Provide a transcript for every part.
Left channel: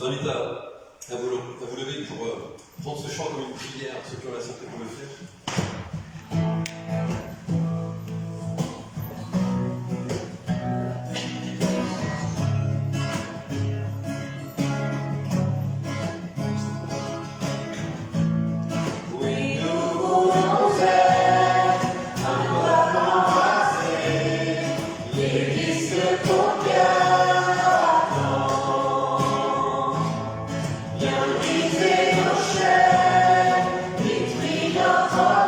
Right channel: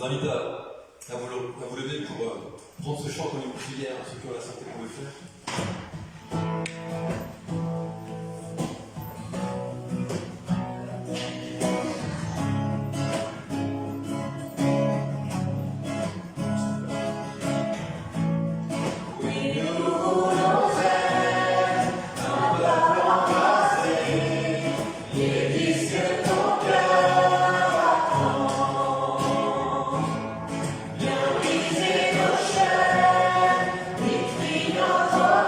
vous invite à vous lever pour prendre ce chant comme une prière, ceux qui ont la santé pour le faire. Viens briser nos chaînes, détruis notre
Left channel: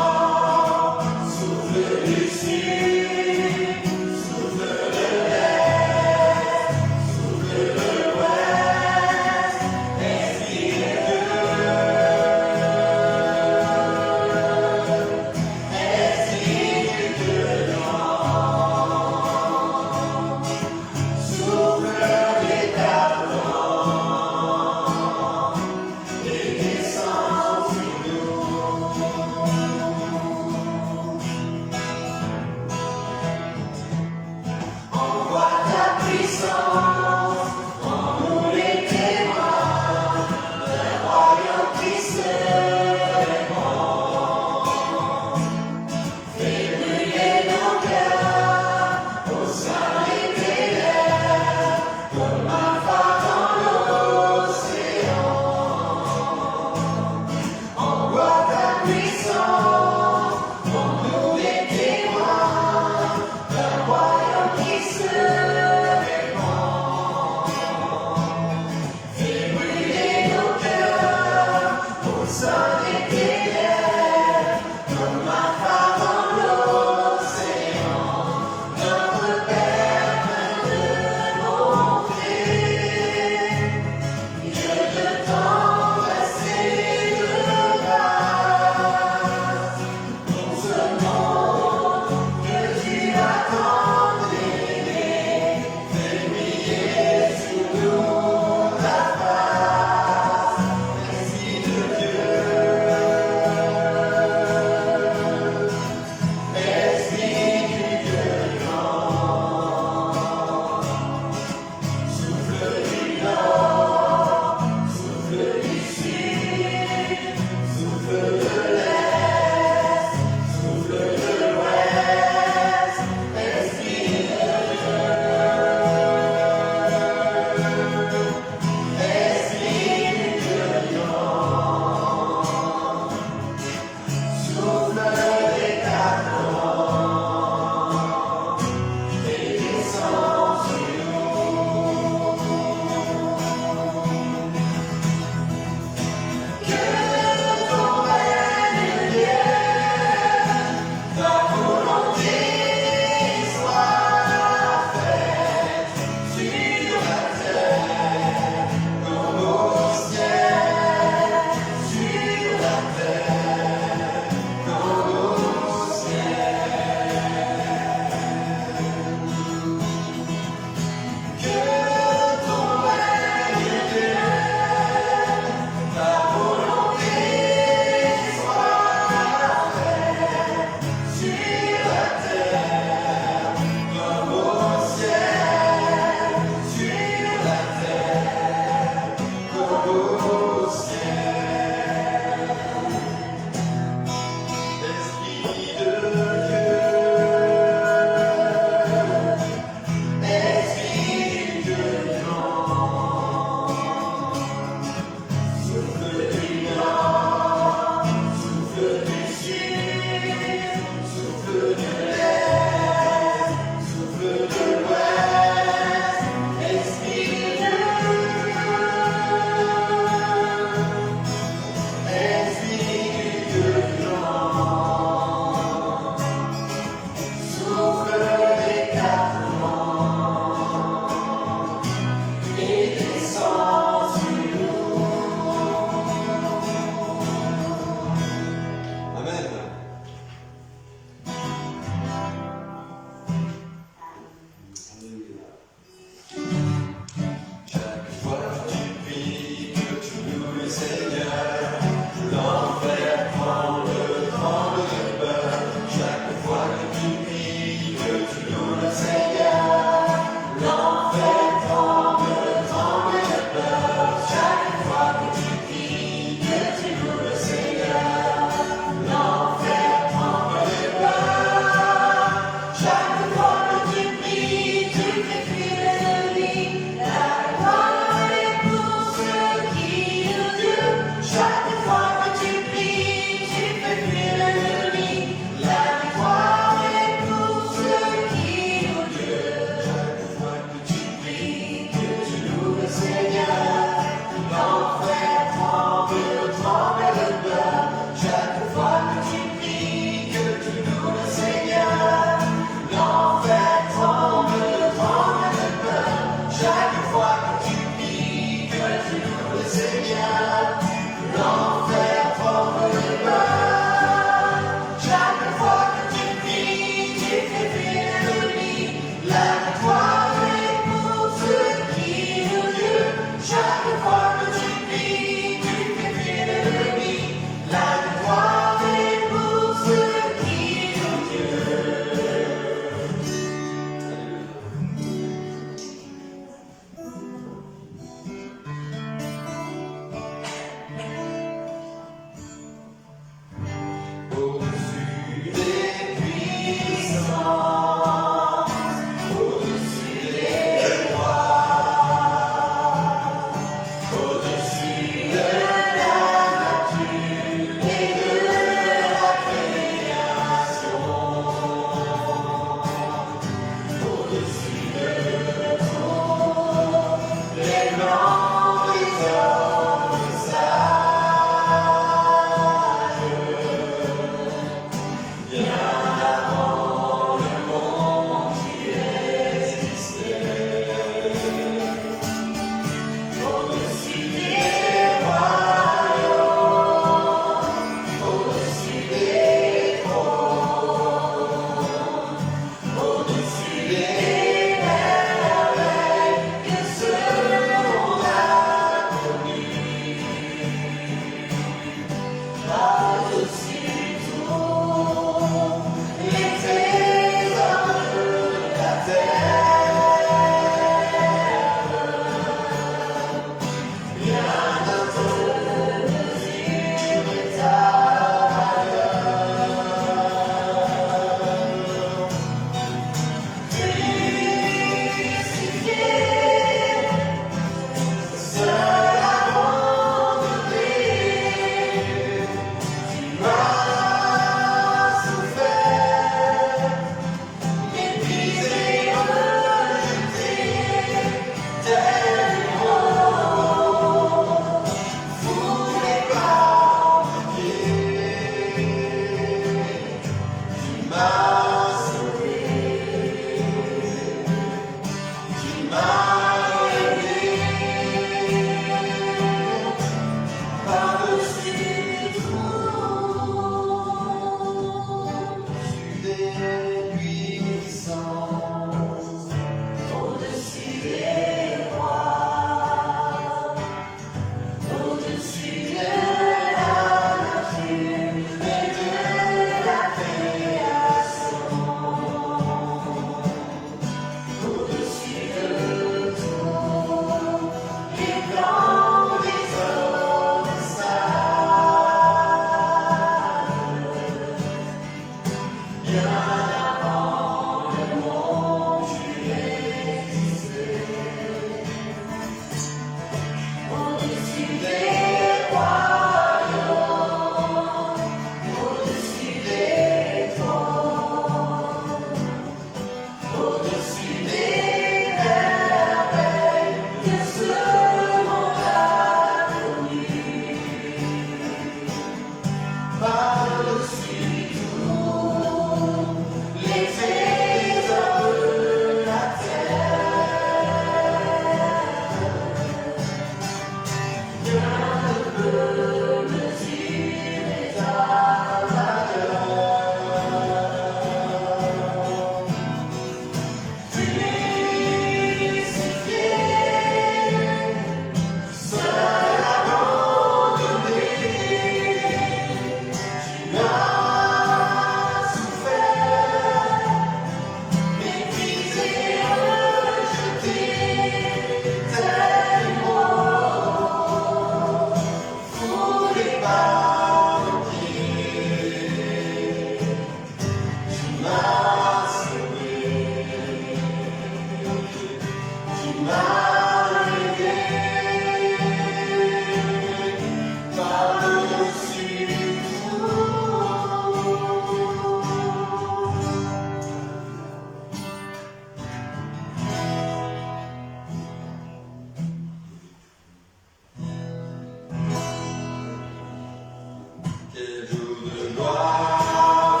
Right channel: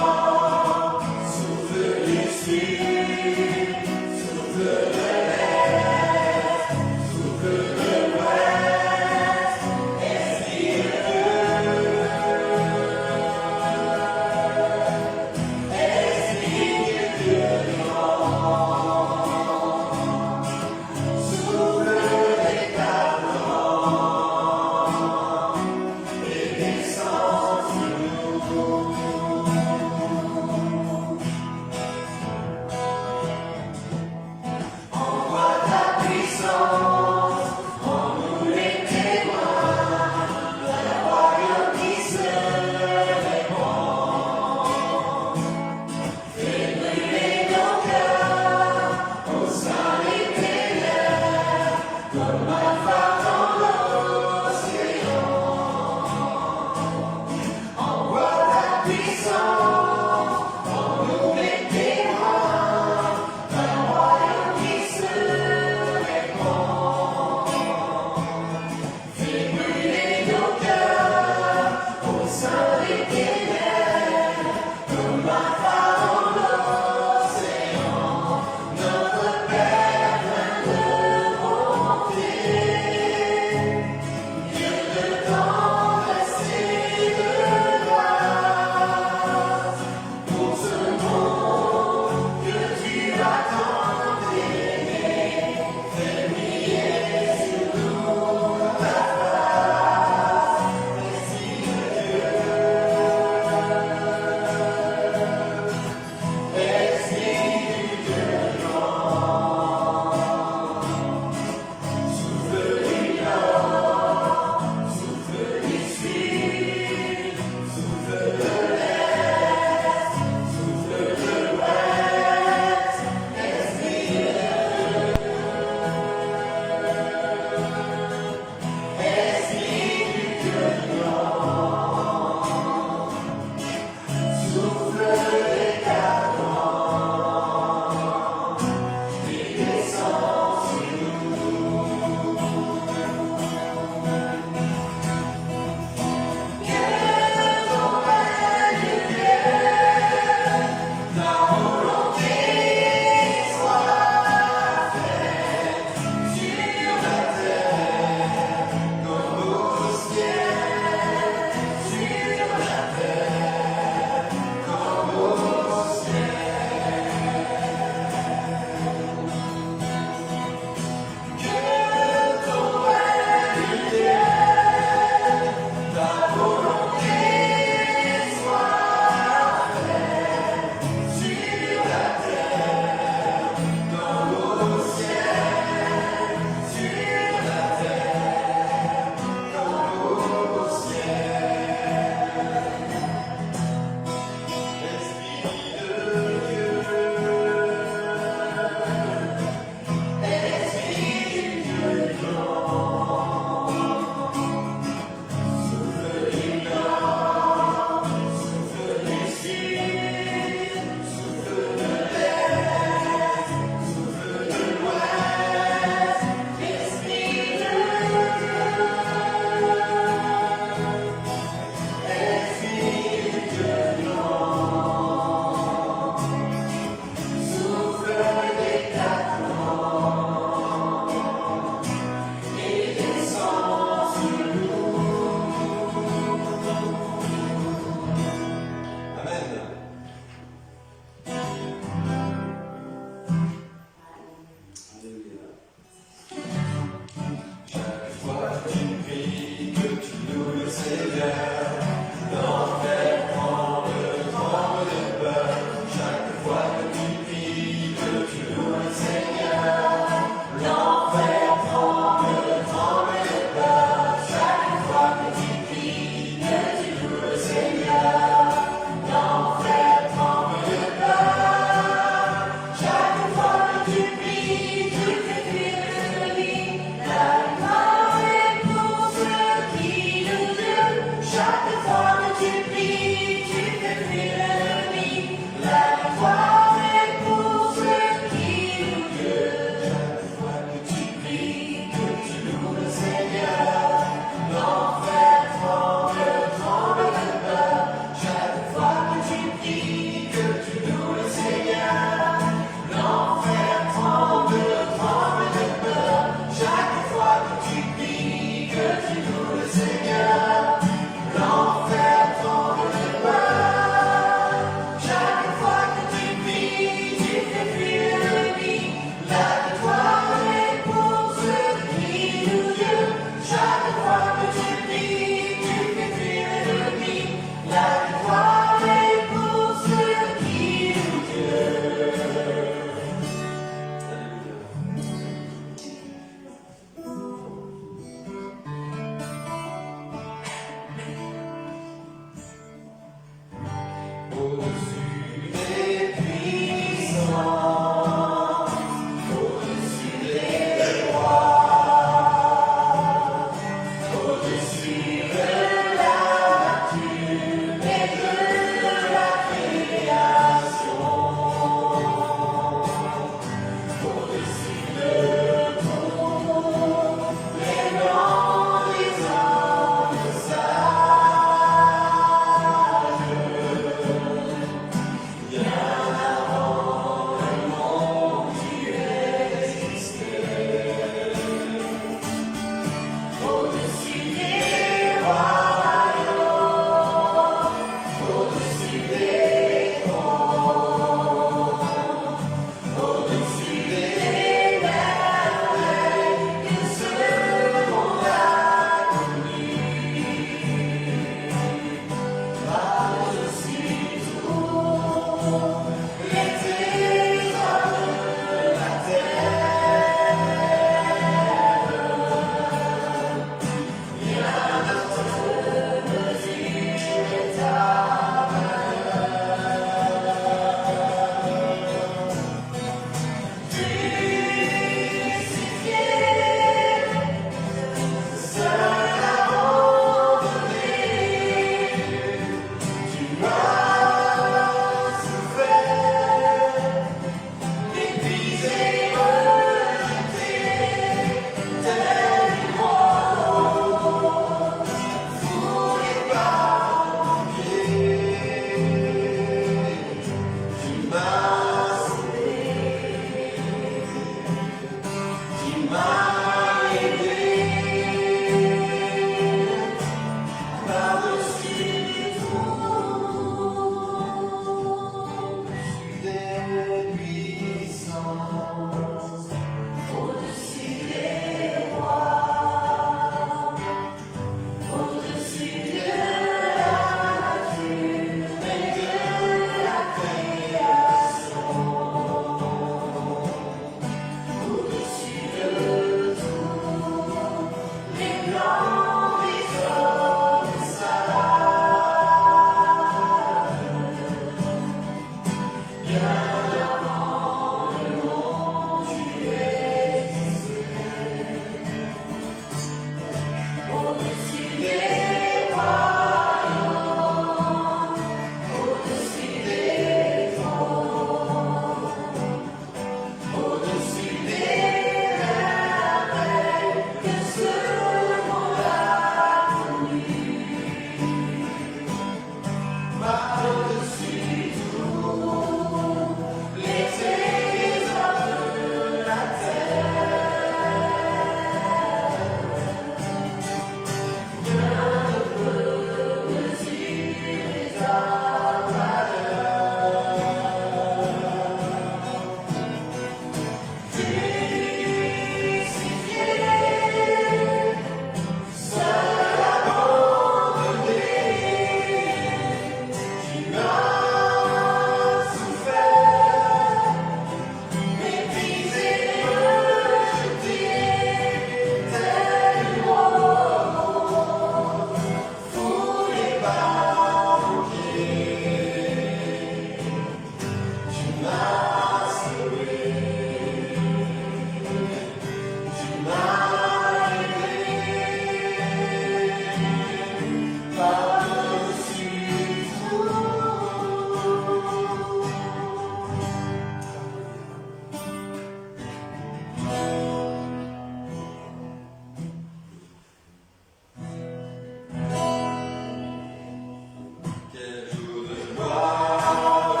Quel jour de gloire,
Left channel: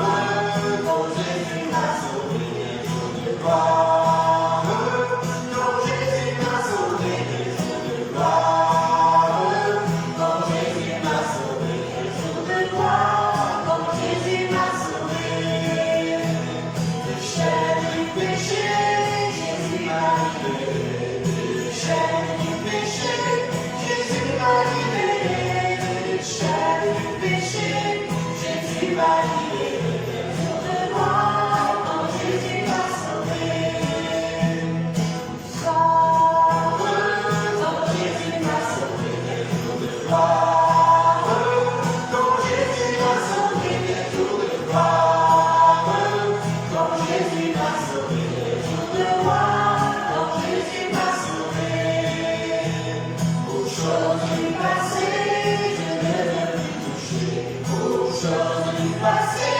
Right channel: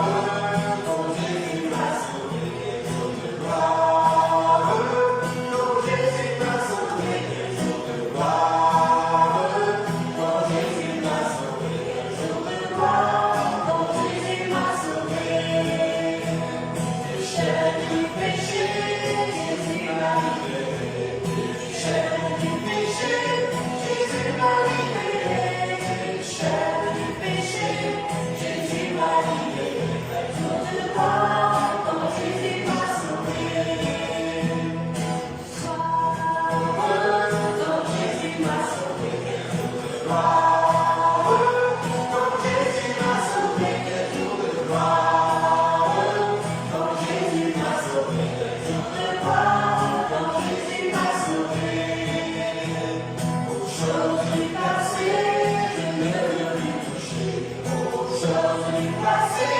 quand Jésus m'a sauvé, quel jour de gloire, quand Jésus m'a sauvé, quel jour de gloire, quand Jésus m'a sauvé, quel jour de gloire, quand Jésus m'a sauvé. Du chêne du péché, Jésus m'a libéré, du chêne du péché, Jésus m'a libéré, du chêne du péché, Jésus m'a libéré, quel jour de gloire, quand Jésus m'a sauvé. Quand Jésus m'a sauvé, quel jour de gloire, quand Jésus m'a sauvé, quel jour de gloire, quand Jésus m'a sauvé, quel jour de gloire, quand Jésus m'a sauvé. Aux choses du passé, je ne veux plus toucher. Aux choses du passé,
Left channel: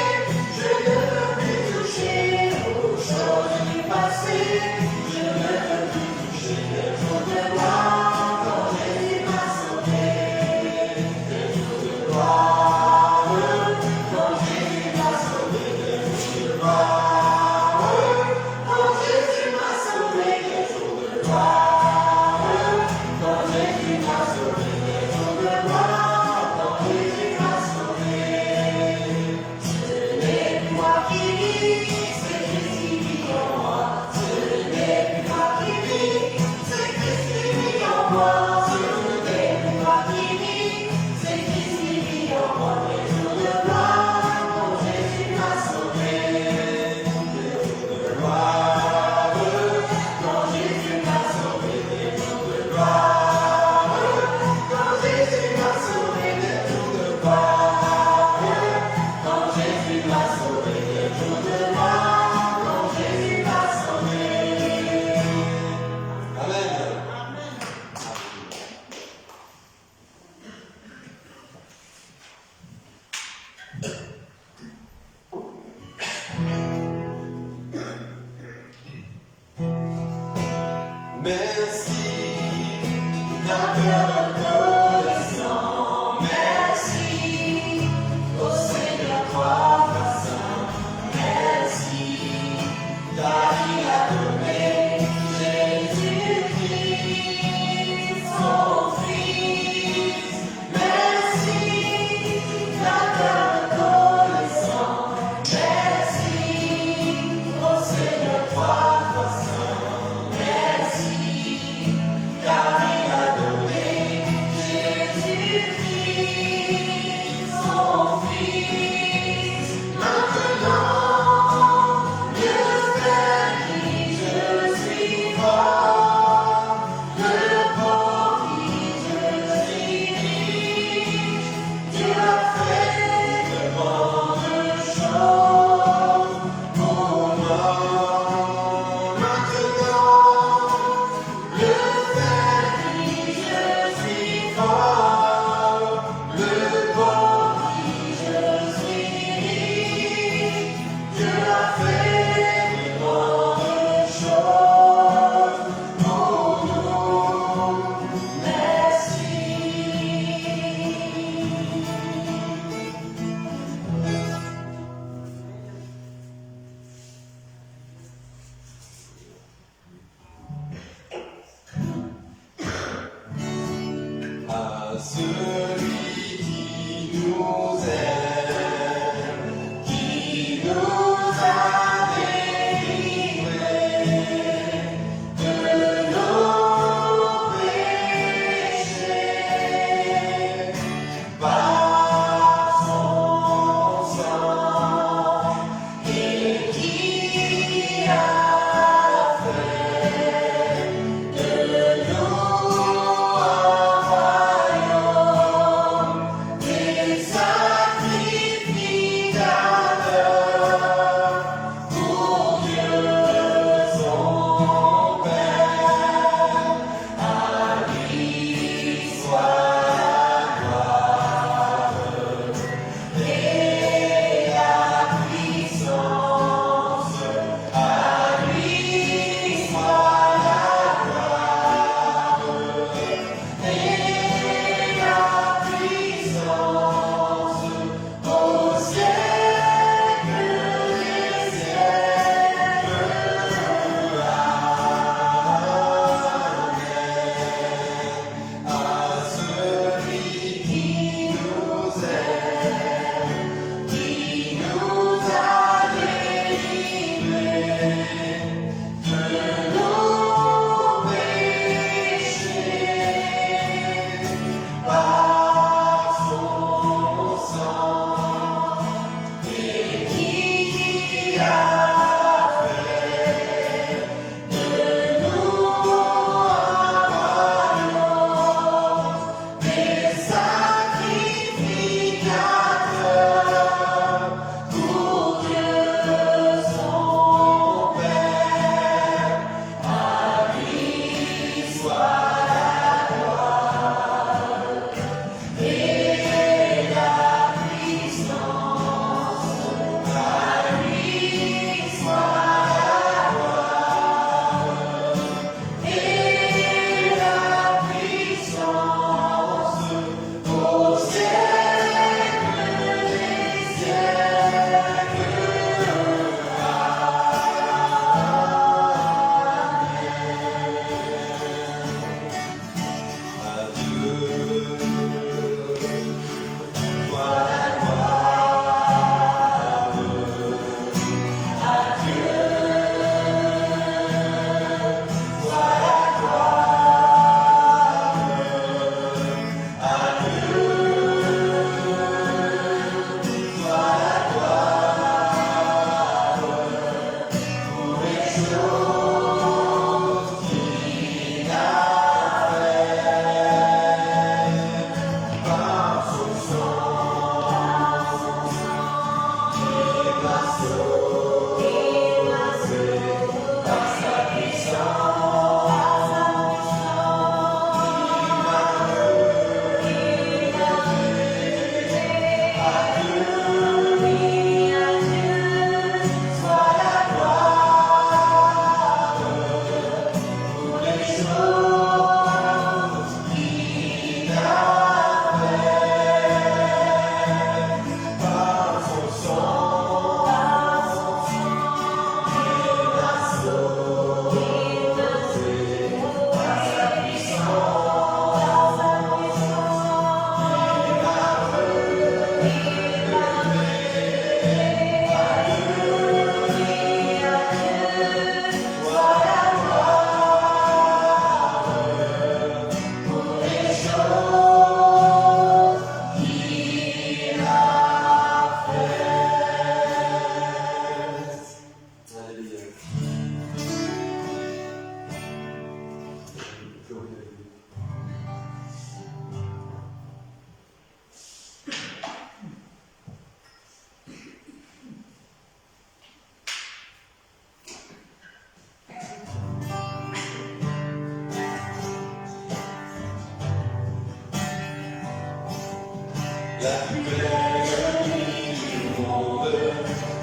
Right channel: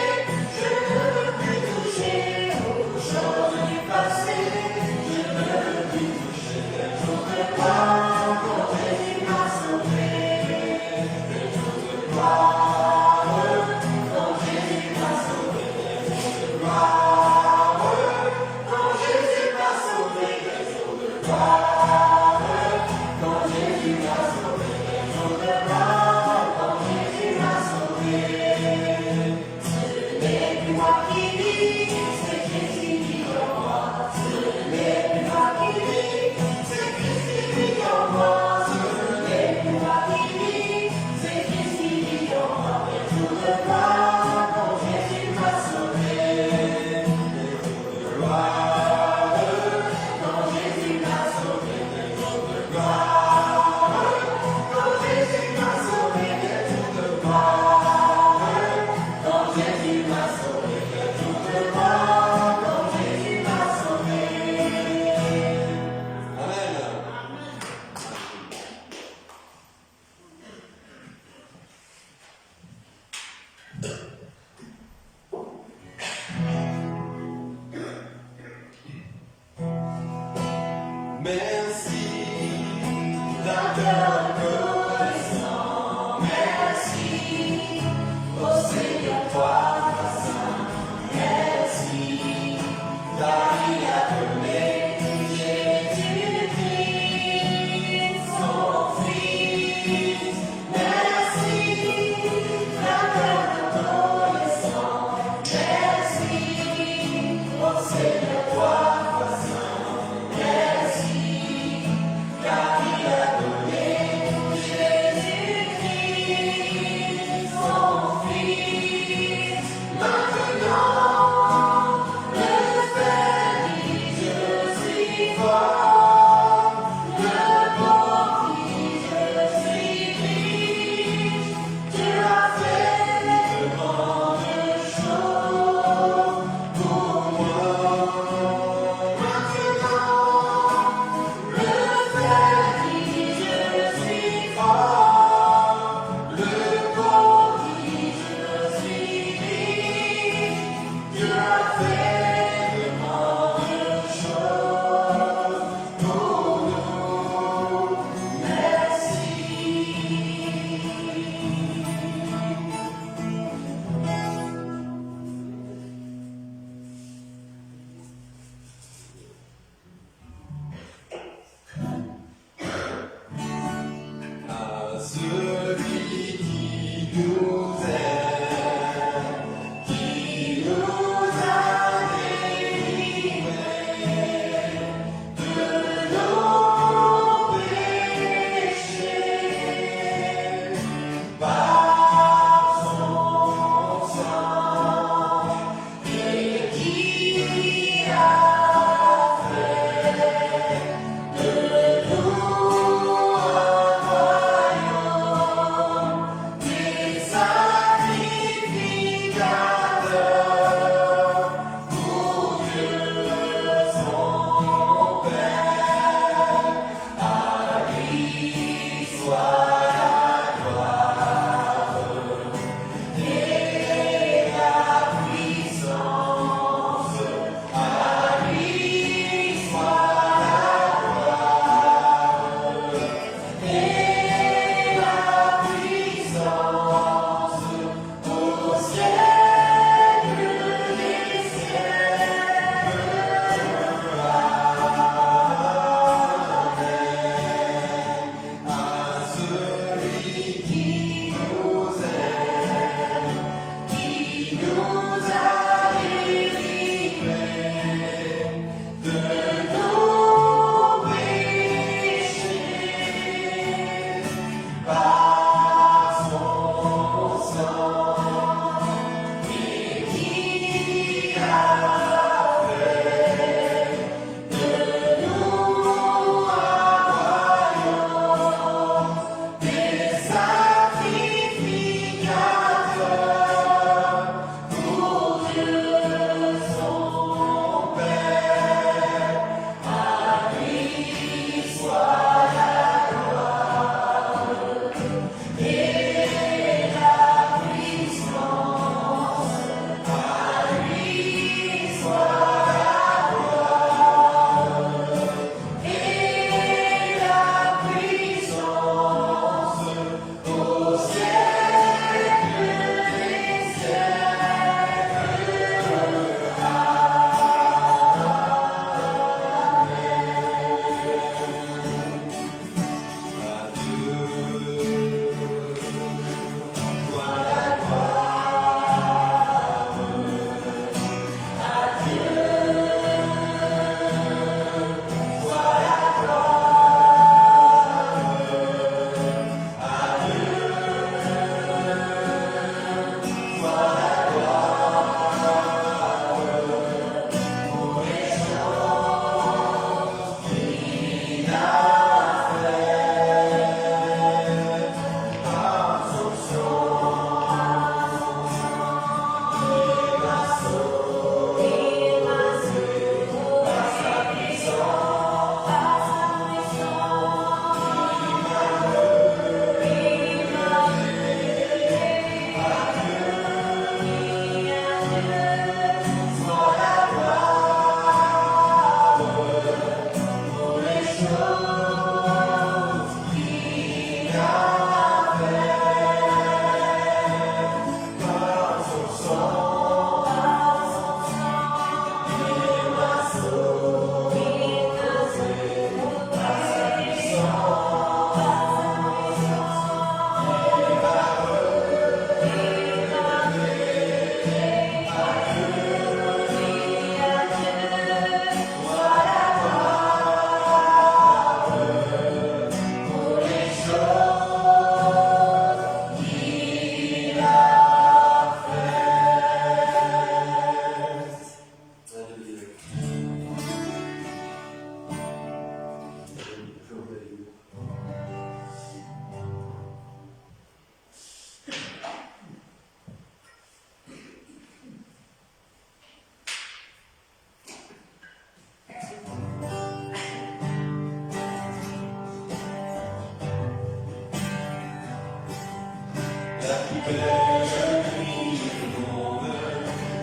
je ne veux plus toucher. Aux choses du passé, je ne veux plus toucher. Quel jour de gloire, quand Jésus m'a sauvé. Quel jour de gloire, quand Jésus m'a sauvé. Quel jour de gloire, quand Jésus m'a sauvé. Quel jour de gloire, quand Jésus m'a sauvé. Quel jour de gloire, quand Jésus m'a sauvé. Ce n'est plus moi qui vis, c'est Christ qui vit en moi. Ce n'est plus moi qui vis, c'est Christ qui vit en moi. Ce n'est plus moi qui vis, c'est Christ qui vit en moi. Quel jour de gloire, quand Jésus m'a sauvé. Quel jour de gloire, quand Jésus m'a sauvé. Quel jour de gloire, quand Jésus m'a sauvé. Quel jour de gloire, quand Jésus m'a sauvé. Quel jour de gloire, quand Jésus m'a sauvé. Amen. Merci d'un cœur reconnaissant. Merci au Seigneur toi saint. Merci car il a donné Jésus-Christ son Fils. Merci d'un cœur reconnaissant.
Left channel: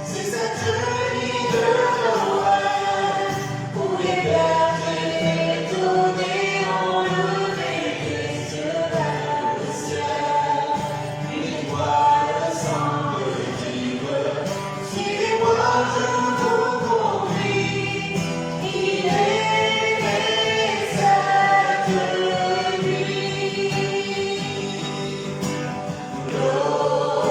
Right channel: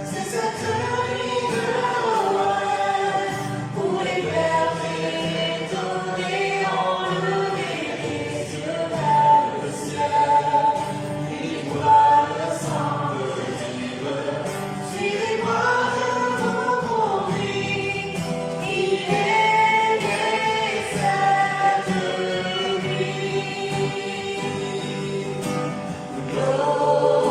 C'est cette nuit de Noël où les bergers étonnés ont levé les yeux vers le ciel. Ils voient le sang de suivez-moi, je vous conduis. Il est né cette nuit. Gloire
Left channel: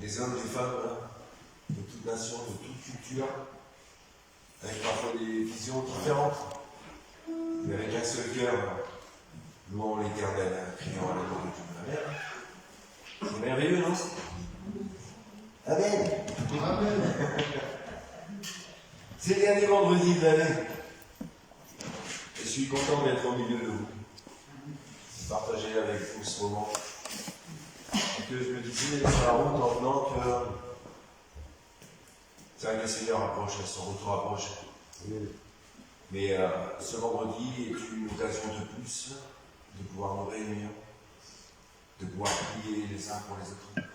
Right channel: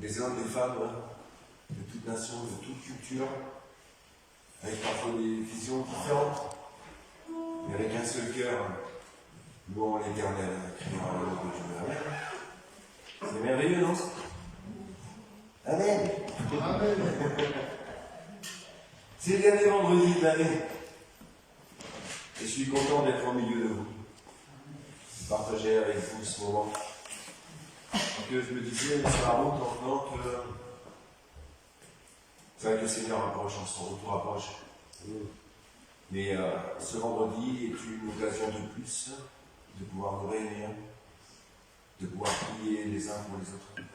Des hommes, des femmes, de toute nation, de toute culture, avec parfois des visions différentes, mais avec un seul cœur, louant l'Éternel, criant à la gloire de Dieu. Amen. C'est merveilleux, non? Amen. Amen. C'est le dernier vendredi de l'année. Et je suis content d'être au milieu de vous, de partager avec vous ce moment. Que je me disais, c'est la route en venant que c'est vrai que le Seigneur approche, son retour approche. Mais ce vendredi est une occasion de plus de pouvoir nous réunir, de pouvoir prier les uns pour les autres,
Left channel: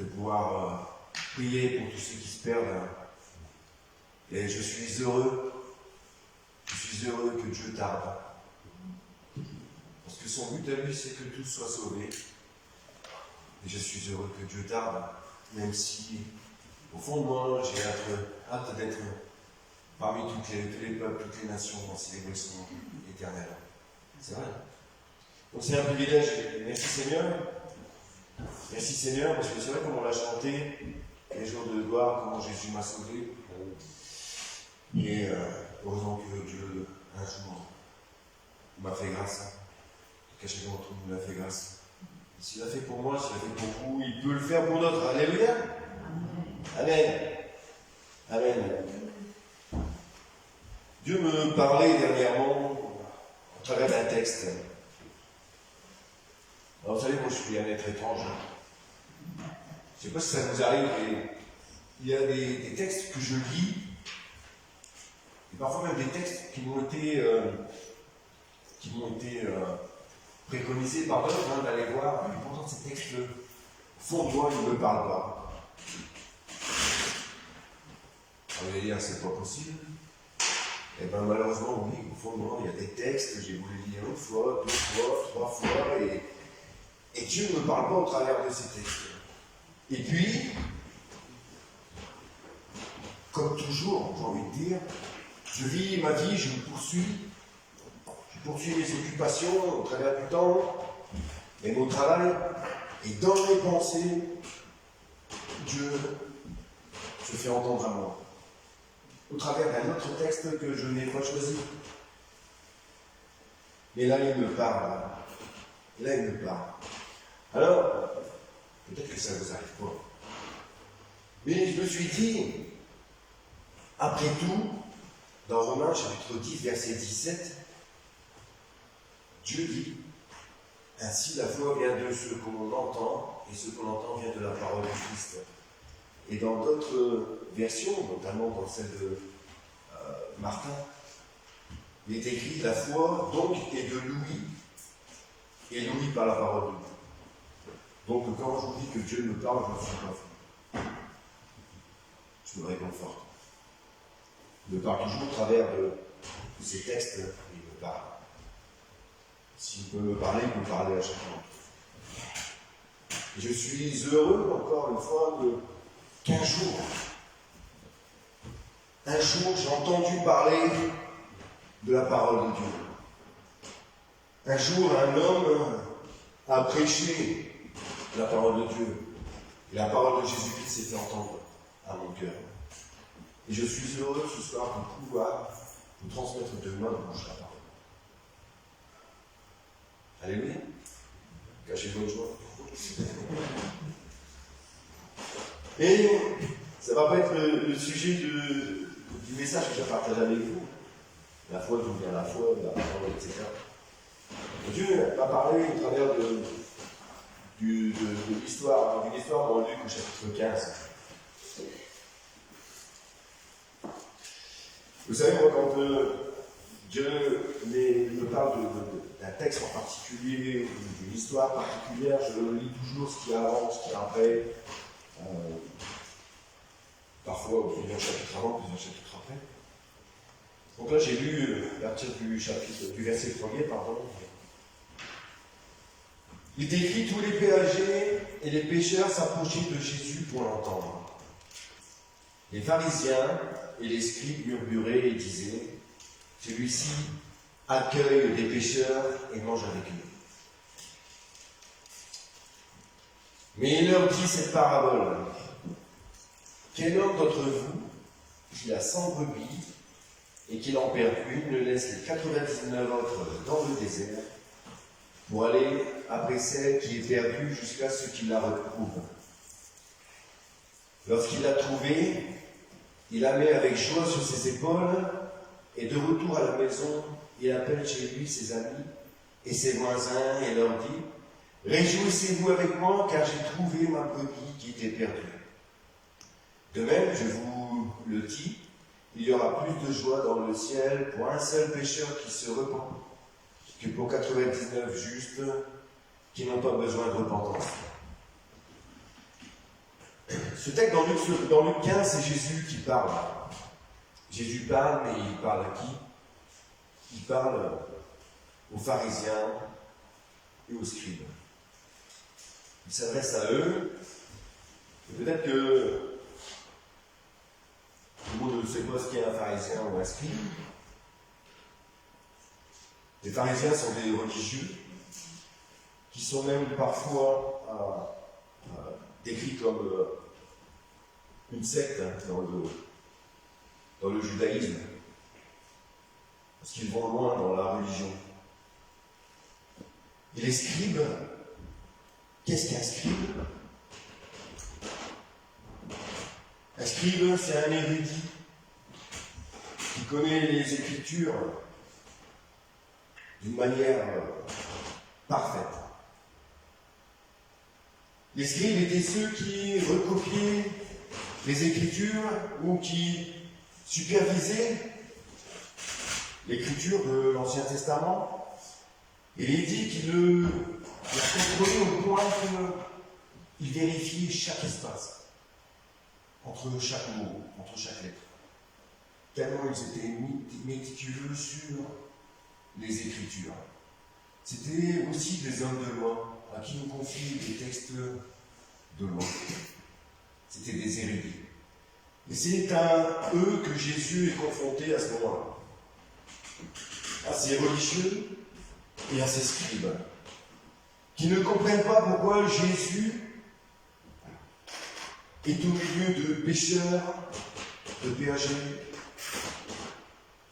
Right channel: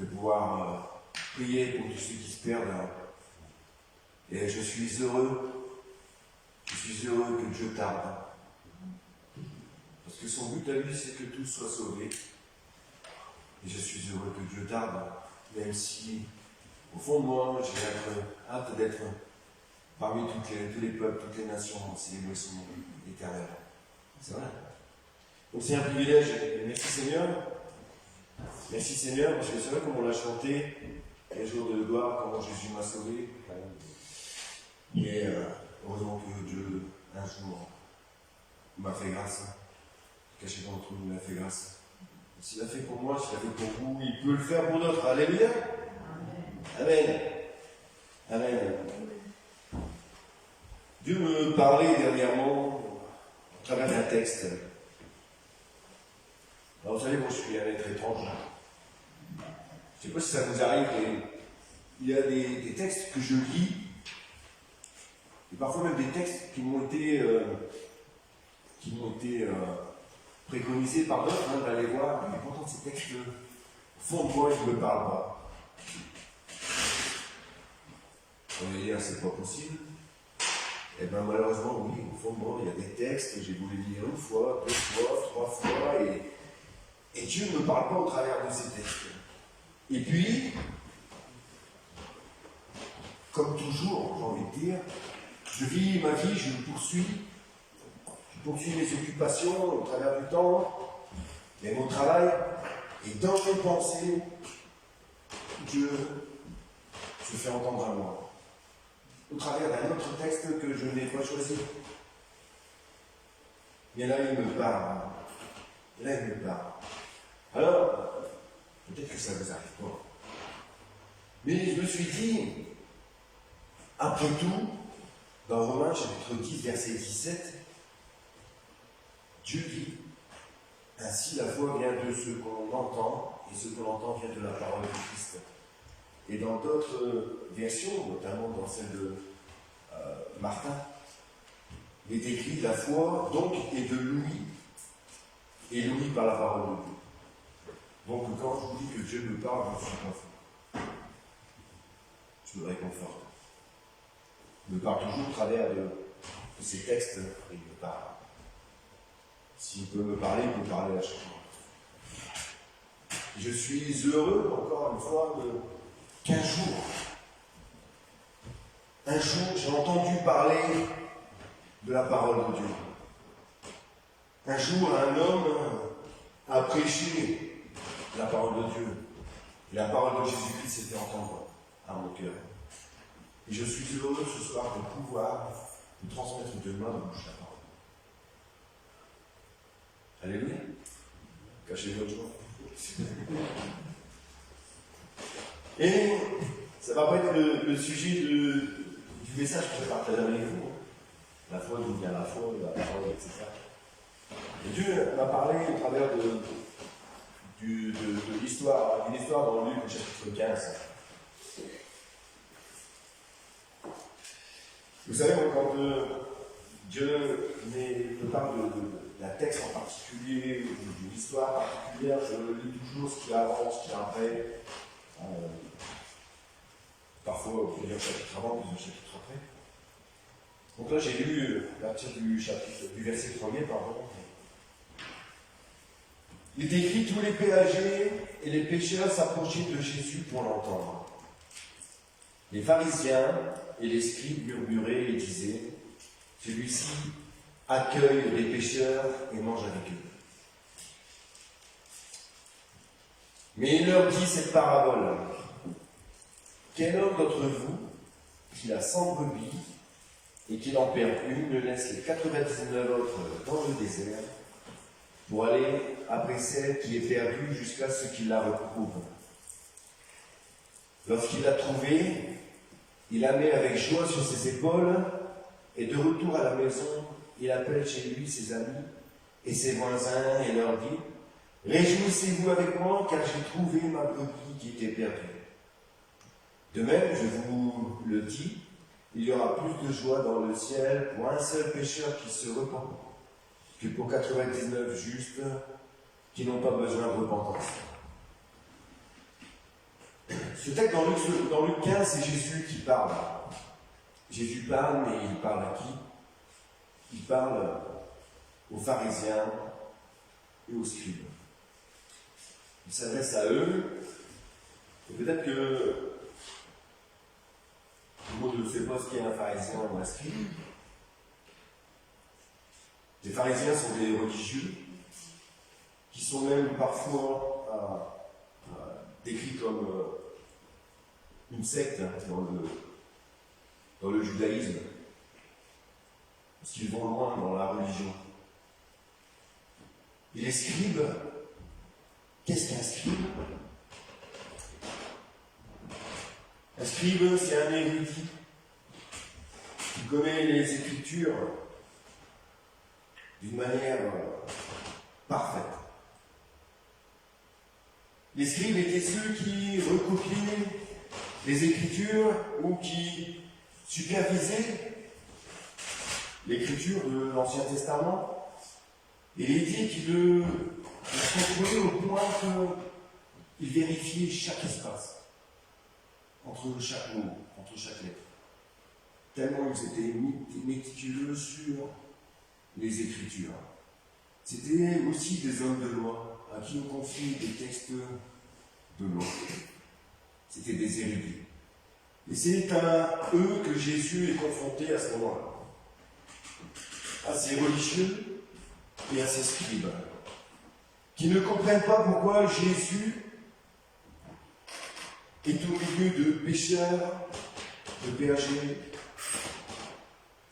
de pouvoir prier pour tous ceux qui se perdent. Et je suis heureux que Dieu tarde. Parce que son but à lui, c'est que tous soient sauvés. Et je suis heureux que Dieu tarde, même si, au fond de moi, j'ai hâte d'être parmi tous les peuples, toutes les nations, en célébrer son nom éternel. C'est vrai. Donc c'est un privilège, et merci Seigneur. Merci Seigneur, parce que c'est vrai comme on l'a chanté, les jours de gloire, comment Jésus m'a sauvé. Et heureusement que Dieu, un jour, m'a fait grâce. Caché d'entre nous, m'a fait grâce. S'il l'a fait pour moi, s'il l'a fait pour vous, il peut le faire pour d'autres. Alléluia. Amen. Amen. Dieu me parlait dernièrement, au travers d'un texte, vous savez, moi je suis un être étrange. Je ne sais pas si ça vous arrive, mais il y a des textes que je lis, et parfois même des textes qui m'ont été préconisés par d'autres, hein, d'aller voir, mais pourtant ces textes, au fond de moi, ils ne me parlent pas. On va dire, c'est pas possible. Et bien malheureusement, oui, au fond de moi, il y a des textes que j'ai voulu lire une fois, deux fois, trois fois, et Dieu ne me parle pas au travers de ces textes. Et puis, comme toujours, j'ai envie de dire, je vis ma vie, je poursuis mes occupations au travers du temps, et mon travail, et dans mes pensées, Dieu se fait entendre à moi, au travers d'un autre texte que je n'ai pas choisi. Mais là, il me parle. Là, il me parle. Alors, peut-être que ça ne vous arrive pas. Mais je me suis dit, après tout, dans Romains chapitre 10, verset 17, Dieu dit, ainsi la foi vient de ce qu'on entend, et ce qu'on entend vient de la parole de Christ. Et dans d'autres versions, notamment dans celle de Martin, il est écrit, la foi donc est de l'ouïe, et l'ouïe par la parole de Dieu. Donc quand je vous dis que Dieu me parle, je ne suis pas fou. Je me réconforte. Il me parle toujours au travers de ces textes, et il me parle. S'il peut me parler, il peut parler à chaque fois. Je suis heureux, encore une fois, qu'un jour, j'ai entendu parler de la parole de Dieu. Un jour, un homme a prêché la parole de Dieu. Et la parole de Jésus-Christ s'est fait entendre à mon cœur. Et je suis heureux ce soir de pouvoir vous transmettre de main en bouche la parole. Alléluia. Cachez votre joie. Et ça ne va pas être le sujet du message que je partage avec vous. La foi, d'où vient la foi, la parole, etc. Et Dieu m'a parlé au travers de l'histoire, d'une histoire dans Luc au chapitre 15. Vous savez, moi, quand Dieu me parle d'un texte en particulier, ou d'une histoire particulière, je lis toujours ce qui avance, ce qui est après. Parfois plusieurs chapitres avant, plusieurs chapitres après. Donc là, j'ai lu à partir du verset 1er, pardon. Il décrit tous les péagers et les pécheurs s'approchaient de Jésus pour l'entendre. Les pharisiens et les scribes murmuraient et disaient, celui-ci accueille les pécheurs et mange avec eux. Mais il leur dit cette parabole. Quel homme d'entre vous, qui a 100 brebis et qu'il en perd une, ne laisse les 99 autres dans le désert pour aller après celle qui est perdue jusqu'à ce qu'il la retrouve. Lorsqu'il l'a trouvée, il la met avec joie sur ses épaules et de retour à la maison, il appelle chez lui ses amis et ses voisins et leur dit « Réjouissez-vous avec moi car j'ai trouvé ma brebis qui était perdue. » De même, je vous le dis, il y aura plus de joie dans le ciel pour un seul pécheur qui se repent que pour 99 justes qui n'ont pas besoin de repentance. Ce texte dans Luc 15, c'est Jésus qui parle. Jésus parle, mais il parle à qui? Il parle aux pharisiens et aux scribes. Il s'adresse à eux, et peut-être que tout le monde ne sait pas ce qu'est un pharisien ou un scribe. Les pharisiens sont des religieux qui sont même parfois décrits comme une secte dans le judaïsme, parce qu'ils vont loin dans la religion. Et les scribes, qu'est-ce qu'un scribe? Un scribe, c'est un érudit qui connaît les Écritures d'une manière parfaite. Les scribes étaient ceux qui recopiaient les Écritures ou qui supervisaient l'écriture de l'Ancien Testament. Il est dit qu'ils la contrôlaient au point qu'ils vérifiaient chaque espace, entre chaque mot, entre chaque lettre. Tellement ils étaient méticuleux sur les Écritures. C'était aussi des hommes de loi à qui on confiait des textes de loi. C'était des érudits. Et c'est à eux que Jésus est confronté à ce moment-là. À ces religieux et à ces scribes, qui ne comprennent pas pourquoi Jésus est au milieu de pécheurs, de péagers.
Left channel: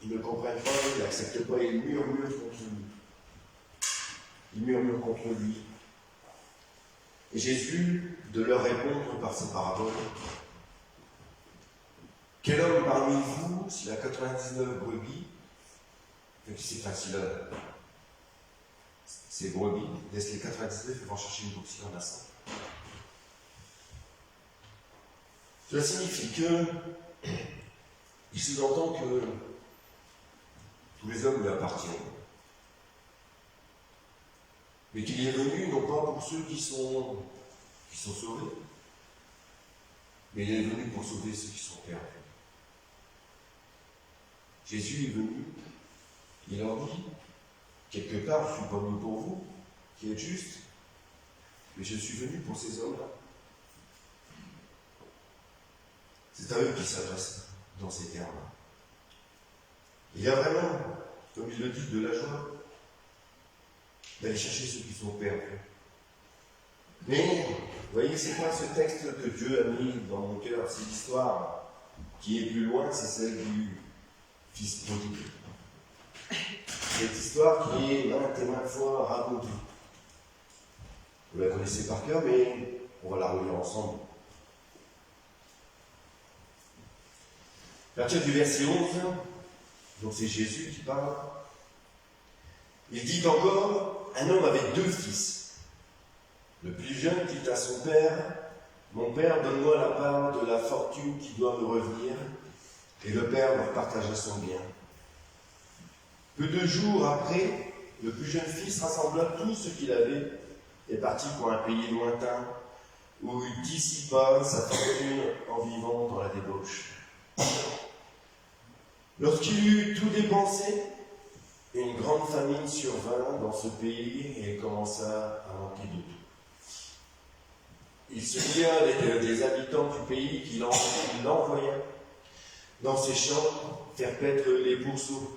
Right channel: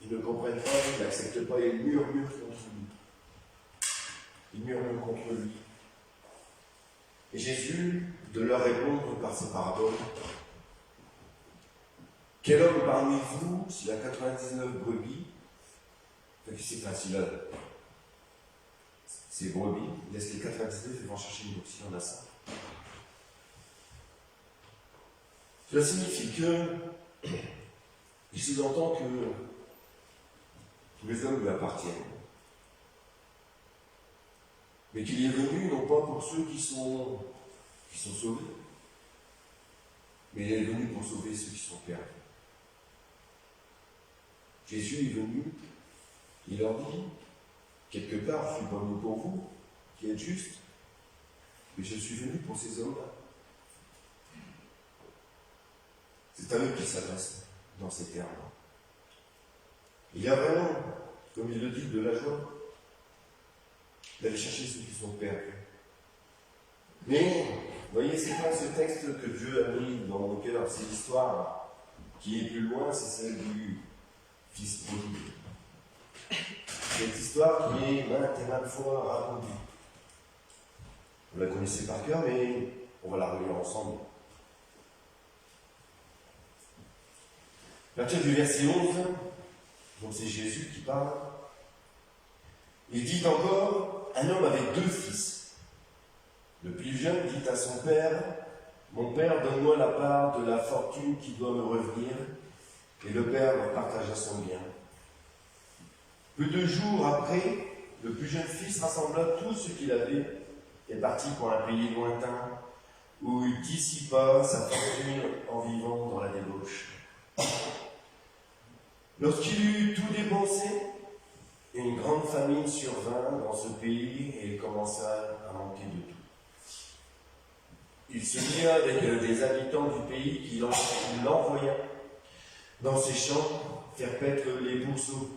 Ils ne comprennent pas, ils n'acceptent pas, ils murmurent contre lui. Ils murmurent contre lui. Et Jésus, de leur répondre par ces paraboles, quel homme parmi vous, s'il a 99 brebis, c'est facile, ces brebis, laisse les 99 et va en chercher une brebis, il en a 100. Cela signifie que, il sous-entend que tous les hommes lui appartiennent, mais qu'il est venu non pas pour ceux qui sont sauvés, mais il est venu pour sauver ceux qui sont perdus. Jésus est venu, il leur dit, quelque part, je ne suis pas venu pour vous, qui êtes justes, mais je suis venu pour ces hommes-là. C'est à eux qu'il s'adresse dans ces termes. Il y a vraiment, comme il le dit, de la joie d'aller chercher ceux qui sont perdus. Mais, vous voyez, c'est pas ce texte que Dieu a mis dans mon cœur, c'est l'histoire qui est plus loin, c'est celle du Fils prodigue. Cette histoire qui est maintes et maintes fois racontée. Vous la connaissez par cœur, mais on va la relire ensemble. À partir du verset 11, donc c'est Jésus qui parle, il dit encore, un homme avait 2 fils. Le plus jeune dit à son père, mon père, donne-moi la part de la fortune qui doit me revenir. Et le père leur partagea son bien. Peu de jours après, le plus jeune fils rassembla tout ce qu'il avait et partit pour un pays lointain où il dissipa sa fortune en vivant dans la débauche. Lorsqu'il eut tout dépensé, une grande famine survint dans ce pays et il commença à manquer de tout. Il se lia avec des habitants du pays qui l'envoya dans ses champs faire paître les pourceaux.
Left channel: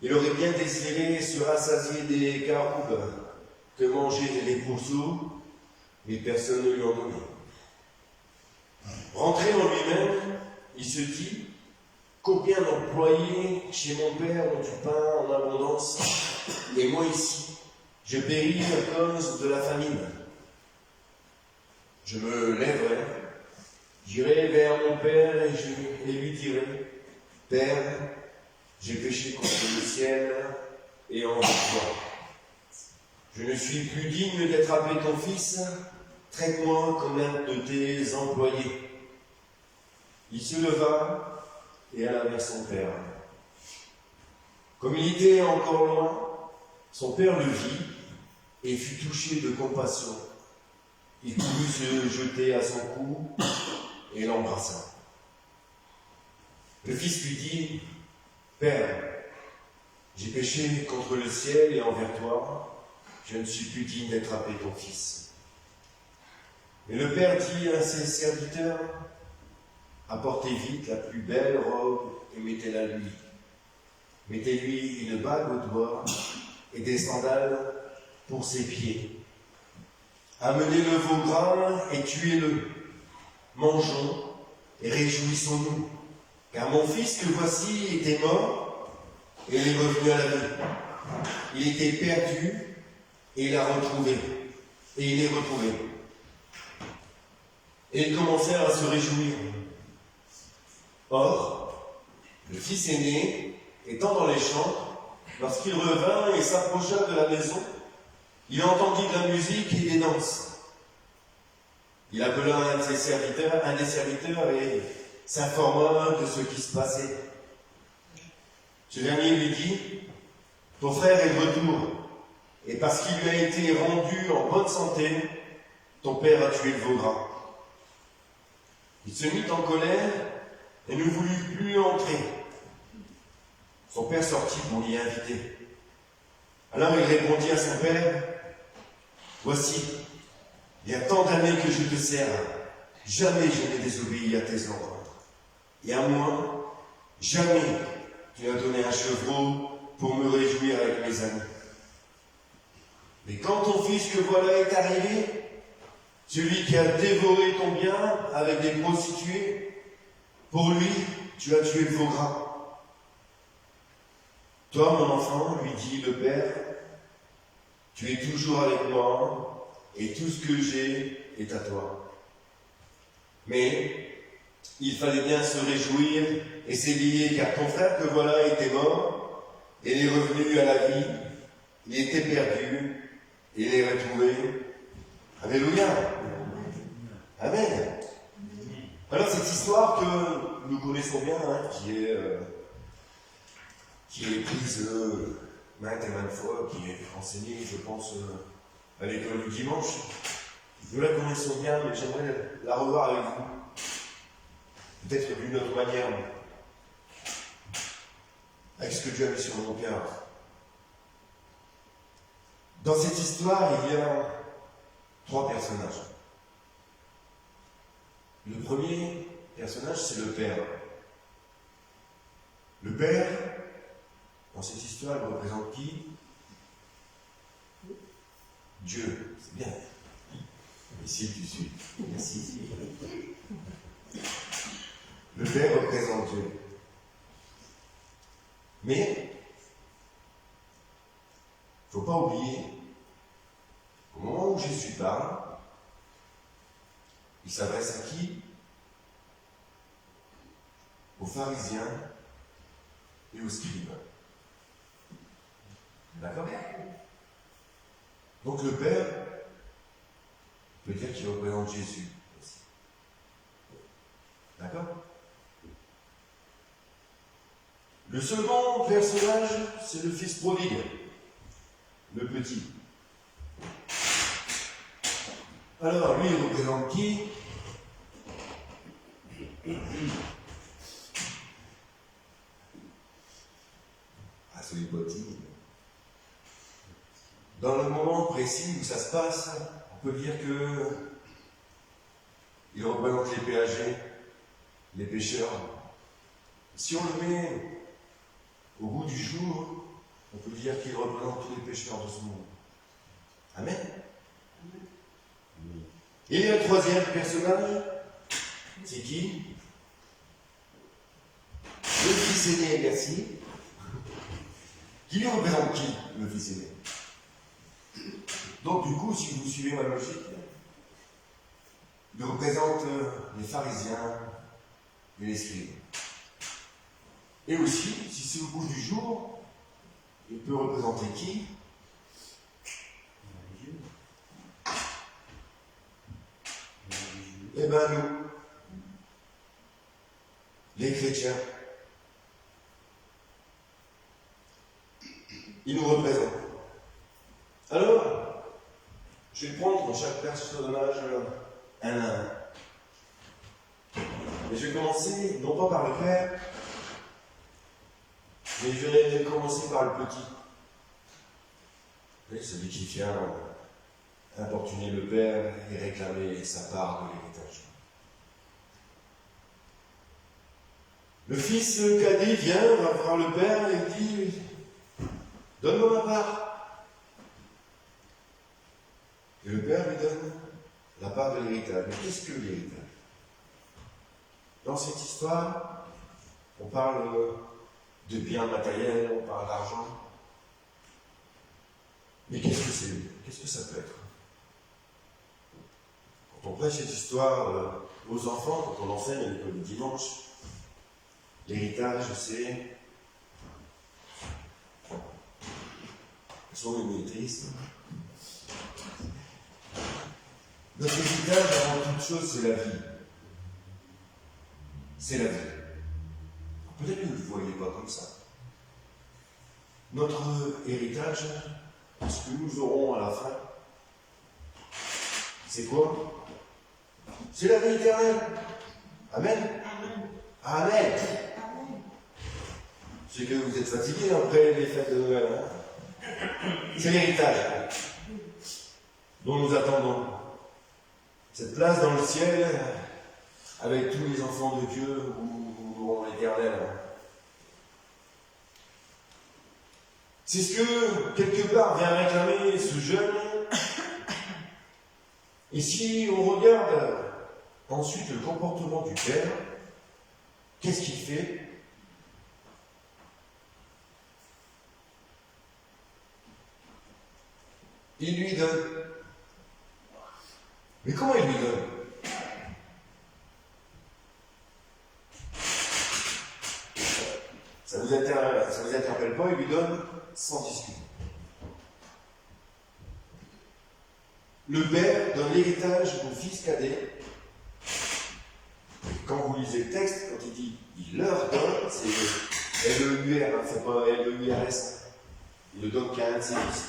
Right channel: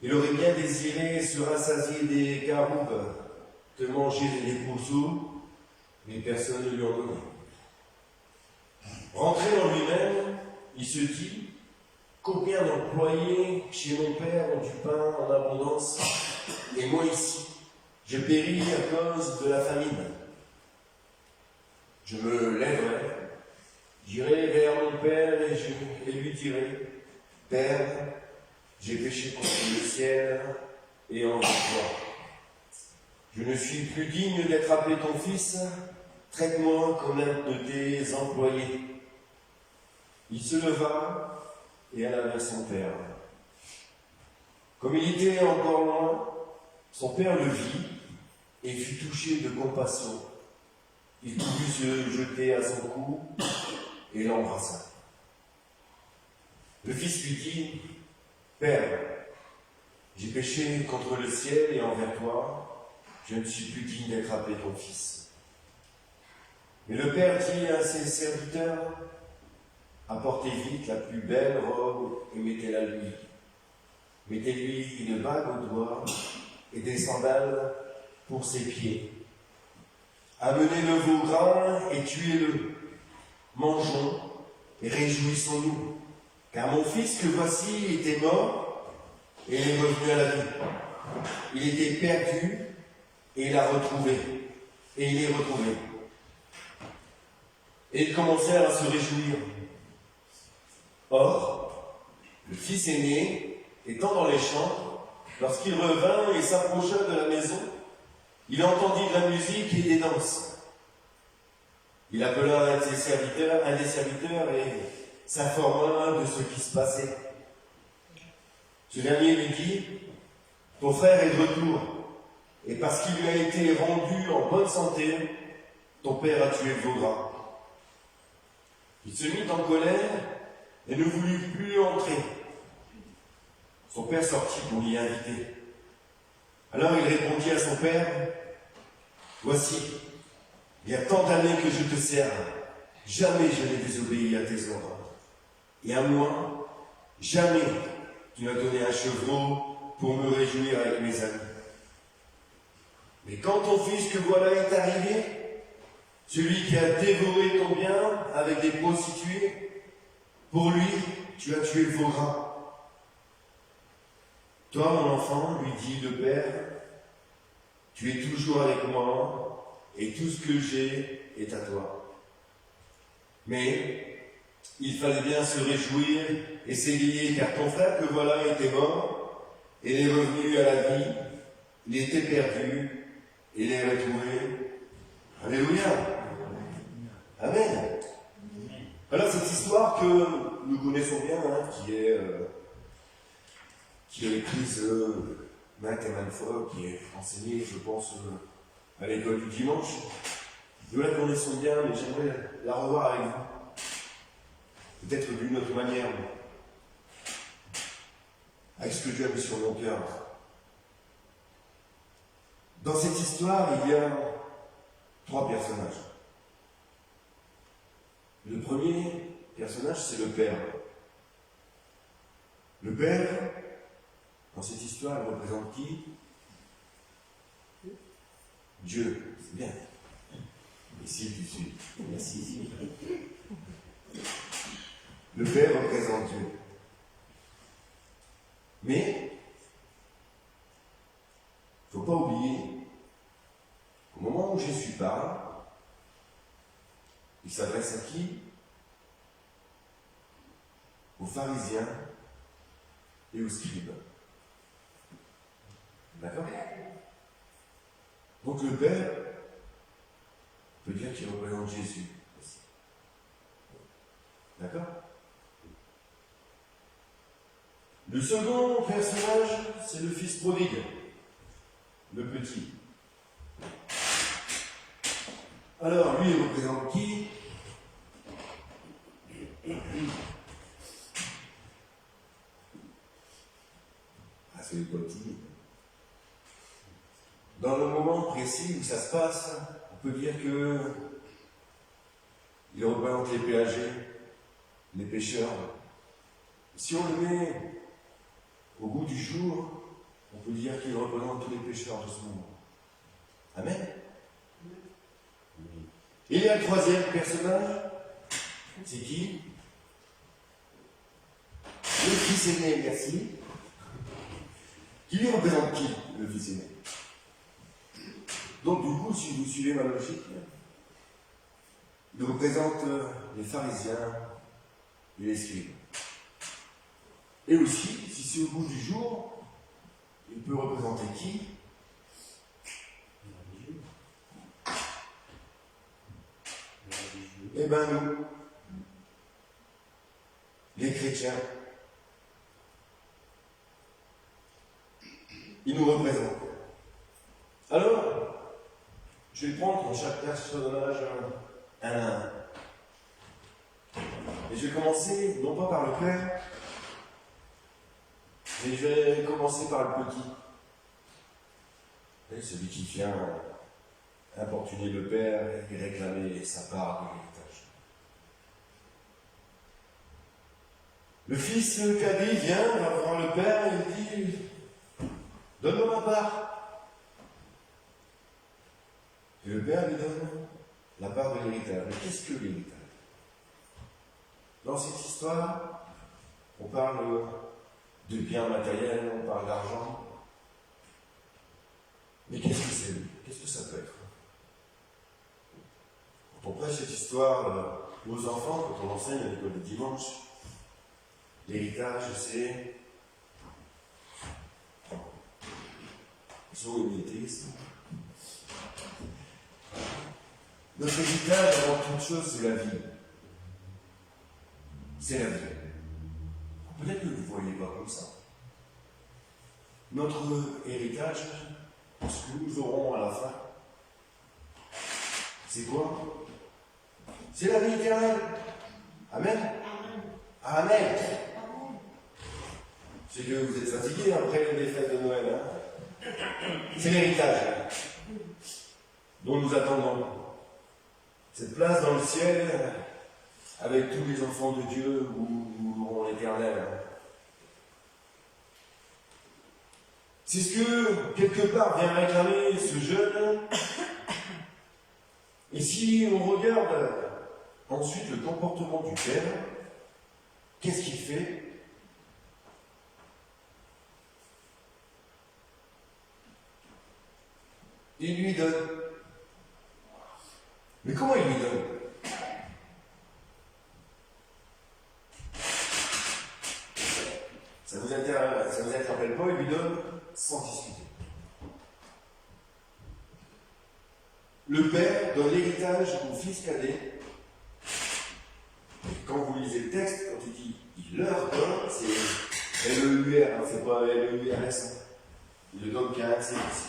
Il aurait bien désiré se rassasier des caroubes que mangeaient les pourceaux, mais personne ne lui en donnait. Rentré en lui-même, il se dit, combien d'employés chez mon père ont du pain en abondance, et moi ici, je péris à cause de la famine. Je me lèverai, j'irai vers mon père et lui dirai, Père, j'ai péché contre le ciel et envers toi. Je ne suis plus digne d'attraper ton fils, traite-moi comme un de tes employés. Il se leva et alla vers son père. Comme il était encore loin, son père le vit et fut touché de compassion. Il voulut se jeter à son cou et l'embrassa. Le fils lui dit, Père, j'ai péché contre le ciel et envers toi, je ne suis plus digne d'attraper ton fils. Mais le père dit à ses serviteurs, apportez vite la plus belle robe et mettez-la lui. Mettez-lui une bague au doigt et des sandales pour ses pieds. Amenez le veau gras et tuez-le. Mangeons et réjouissons-nous. Car mon fils que voici était mort et il est revenu à la vie. Il était perdu et il l'a retrouvé. Et il est retrouvé. Et ils commencèrent à se réjouir. Or, le fils aîné, étant dans les champs, lorsqu'il revint et s'approcha de la maison, il entendit de la musique et des danses. Il appela un des serviteurs et s'informa de ce qui se passait. Ce dernier lui dit, ton frère est de retour, et parce qu'il lui a été rendu en bonne santé, ton père a tué le veau gras. Il se mit en colère et ne voulut plus entrer. Son père sortit pour l'y inviter. Alors il répondit à son père, voici, il y a tant d'années que je te sers, jamais je n'ai désobéi à tes ordres. Et à moi, jamais tu n'as donné un chevreau pour me réjouir avec mes amis. Mais quand ton fils que voilà est arrivé, celui qui a dévoré ton bien avec des prostituées, pour lui, tu as tué le veau gras. Toi, mon enfant, lui dit le père, tu es toujours avec moi, et tout ce que j'ai est à toi. Mais il fallait bien se réjouir et s'égayer, car ton frère que voilà était mort, et il est revenu à la vie, il était perdu, et il est retrouvé. Alléluia. Amen. Alors cette histoire que nous connaissons bien, hein, qui est prise maintes et maintes fois, qui est enseignée, je pense, à l'école du dimanche, nous la connaissons bien, mais j'aimerais la revoir avec vous. Peut-être d'une autre manière, avec ce que Dieu a mis sur mon cœur. Dans cette histoire, il y a 3 personnages. Le premier personnage, c'est le père. Le père, dans cette histoire, il représente qui? Dieu, c'est bien. Ici, tu suis. Merci. Le père représente Dieu. Mais, il ne faut pas oublier, au moment où Jésus parle, il s'adresse à qui? Aux pharisiens et aux scribes. D'accord? Donc le Père peut dire qu'il représente Jésus aussi. D'accord? Le second personnage, c'est le fils prodigue, le petit. Alors, lui, il représente qui? Ah, c'est les petits. Dans le moment précis où ça se passe, on peut dire que il représente les péagers, les pêcheurs. Si on le met au bout du jour, on peut dire qu'il représente tous les pécheurs de ce monde. Amen. Et il y a le troisième personnage, c'est qui? Le fils aîné, merci. Qui lui représente qui, le fils aîné? Donc du coup, si vous suivez ma logique, il représente les pharisiens et les scribes. Et aussi, si c'est au bout du jour, il peut représenter qui? Eh bien nous, les chrétiens. Ils nous représentent. Alors, je vais prendre pour chaque personnage un à un. Et je vais commencer, non pas par le Père, mais je vais commencer par le petit. Vous voyez, celui qui vient importuner le Père et réclamer sa part de l'héritage. Le fils cadet vient, va voir le Père et il dit « Donne-moi ma part ». Et le Père lui donne la part de l'héritage. Mais qu'est-ce que l'héritage? Dans cette histoire, on parle de biens matériels, on parle d'argent. Mais qu'est-ce que c'est? Qu'est-ce que ça peut être? Quand on prêche cette histoire aux enfants, quand on enseigne à l'école du dimanche, l'héritage, c'est son humilité, Notre héritage, avant toute chose, c'est la vie. C'est la vie. Peut-être que vous ne voyez pas comme ça. Notre héritage, ce que nous aurons à la fin, c'est quoi? C'est la vie éternelle. Amen. Amen. Je sais que vous êtes fatigués après les fêtes de Noël. Hein, c'est l'héritage dont nous attendons. Cette place dans le ciel, avec tous les enfants de Dieu, où nous aurons l'éternel. C'est ce que, quelque part, vient réclamer ce jeune. Et si on regarde ensuite le comportement du Père, qu'est-ce qu'il fait? Il lui donne. Mais comment il lui donne? Ça vous interpelle pas, il lui donne sans discuter. Le père donne l'héritage au fils cadet. Quand vous lisez le texte, quand il dit il leur donne, c'est L-E-U-R, hein, c'est pas L-E-U-R-S. Hein. Il le donne qu'à un de ses fils.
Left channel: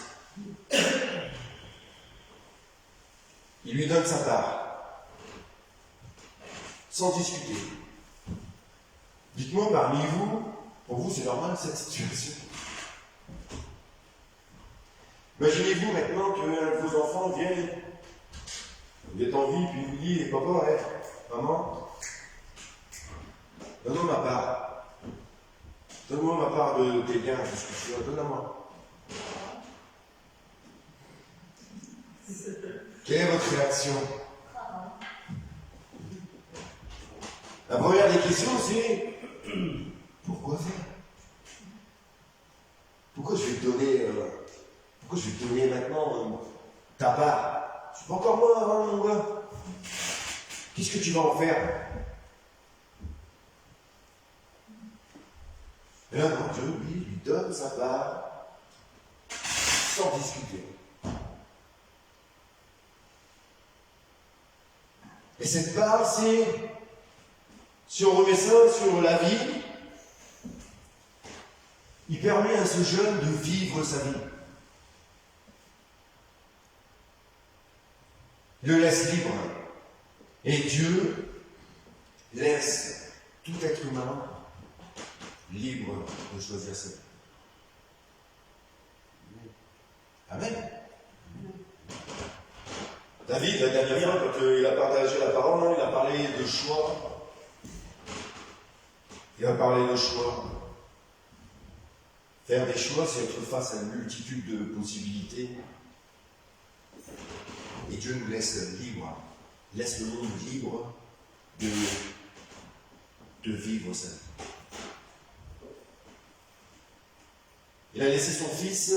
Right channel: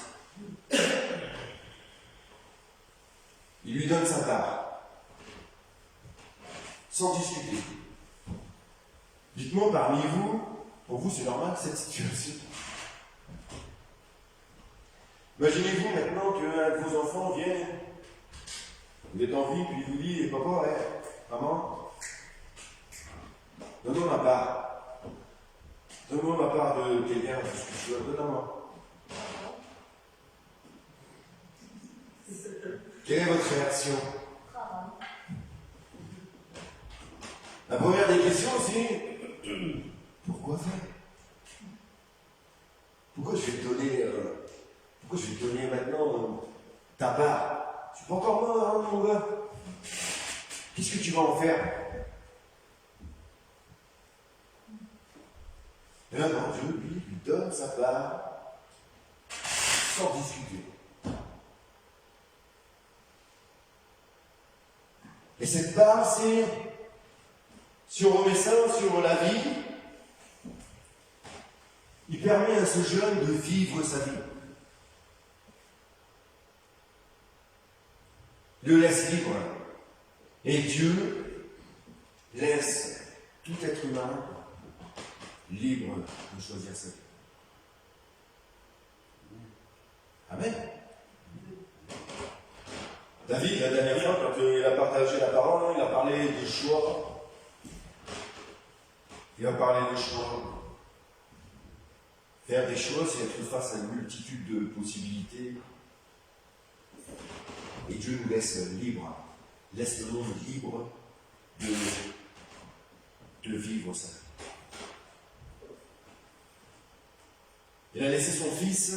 Il lui donne sa part. Sans discuter. Dites-moi parmi vous, pour vous c'est normal cette situation? Imaginez-vous maintenant que vos enfants viennent, vous êtes en vie, puis vous dites, papa, maman, donne-moi ma part. Donne-moi ma part de tes biens, de ce que tu as, donne-moi. Quelle est votre réaction? La première des questions, c'est pourquoi faire? Pourquoi je vais te donner maintenant ta part? Je suis pas encore mort, hein, mon gars. Qu'est-ce que tu vas en faire? Et là, non, Dieu, lui donne sa part sans discuter. Et cette part, c'est, si on remet ça sur la vie, il permet à ce jeune de vivre sa vie. Il le laisse libre. Et Dieu laisse tout être humain libre de choisir sa vie. Amen. David, la dernière fois, quand il a partagé la parole, il a parlé de choix. Il a parlé de choix. Faire des choix, c'est être face à une multitude de possibilités. Et Dieu nous laisse libre, laisse le monde libre de vivre sa vie. Il a laissé son fils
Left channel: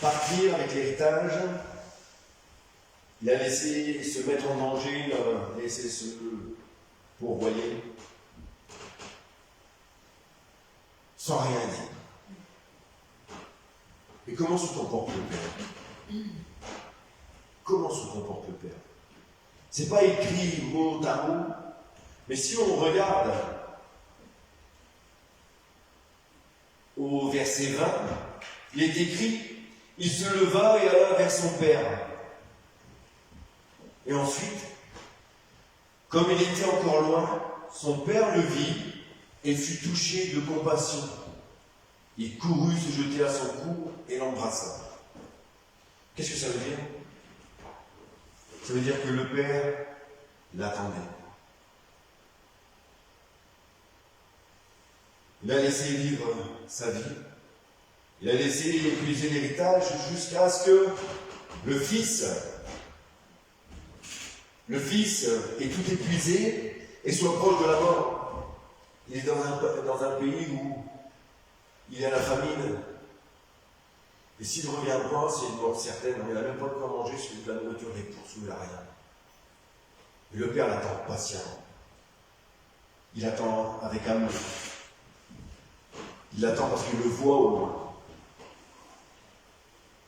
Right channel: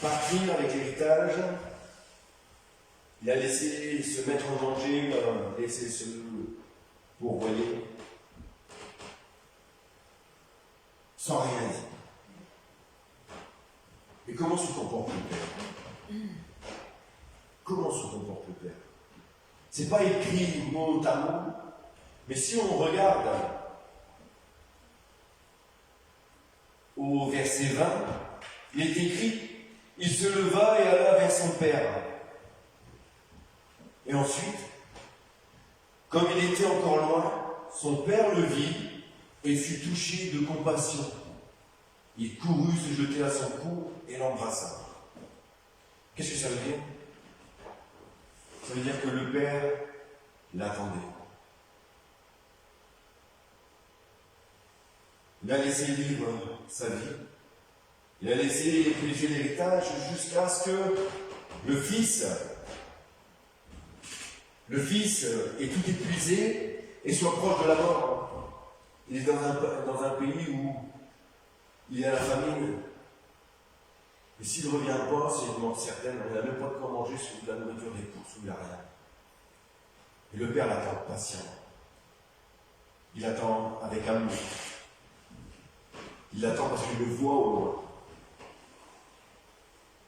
partir avec l'héritage. Il a laissé se mettre en danger, laissé se pourvoyer, sans rien dire. Et comment se comporte le Père? Comment se comporte le Père? C'est pas écrit mot à mot, mais si on regarde au verset 20, il est écrit, il se leva et alla vers son Père. Et ensuite, comme il était encore loin, son père le vit et fut touché de compassion. Il courut se jeter à son cou et l'embrassa. Qu'est-ce que ça veut dire? Ça veut dire que le père l'attendait. Il a laissé vivre sa vie. Il a laissé épuiser l'héritage jusqu'à ce que le fils est tout épuisé et soit proche de la mort. Il est dans un pays où il y a la famine. Et s'il ne revient pas, c'est une mort certaine. Il n'a même pas de quoi manger sur de la nourriture des courses, où il n'a rien. Et le père l'attend patiemment. Il attend avec amour. Il attend parce qu'il le voit au loin.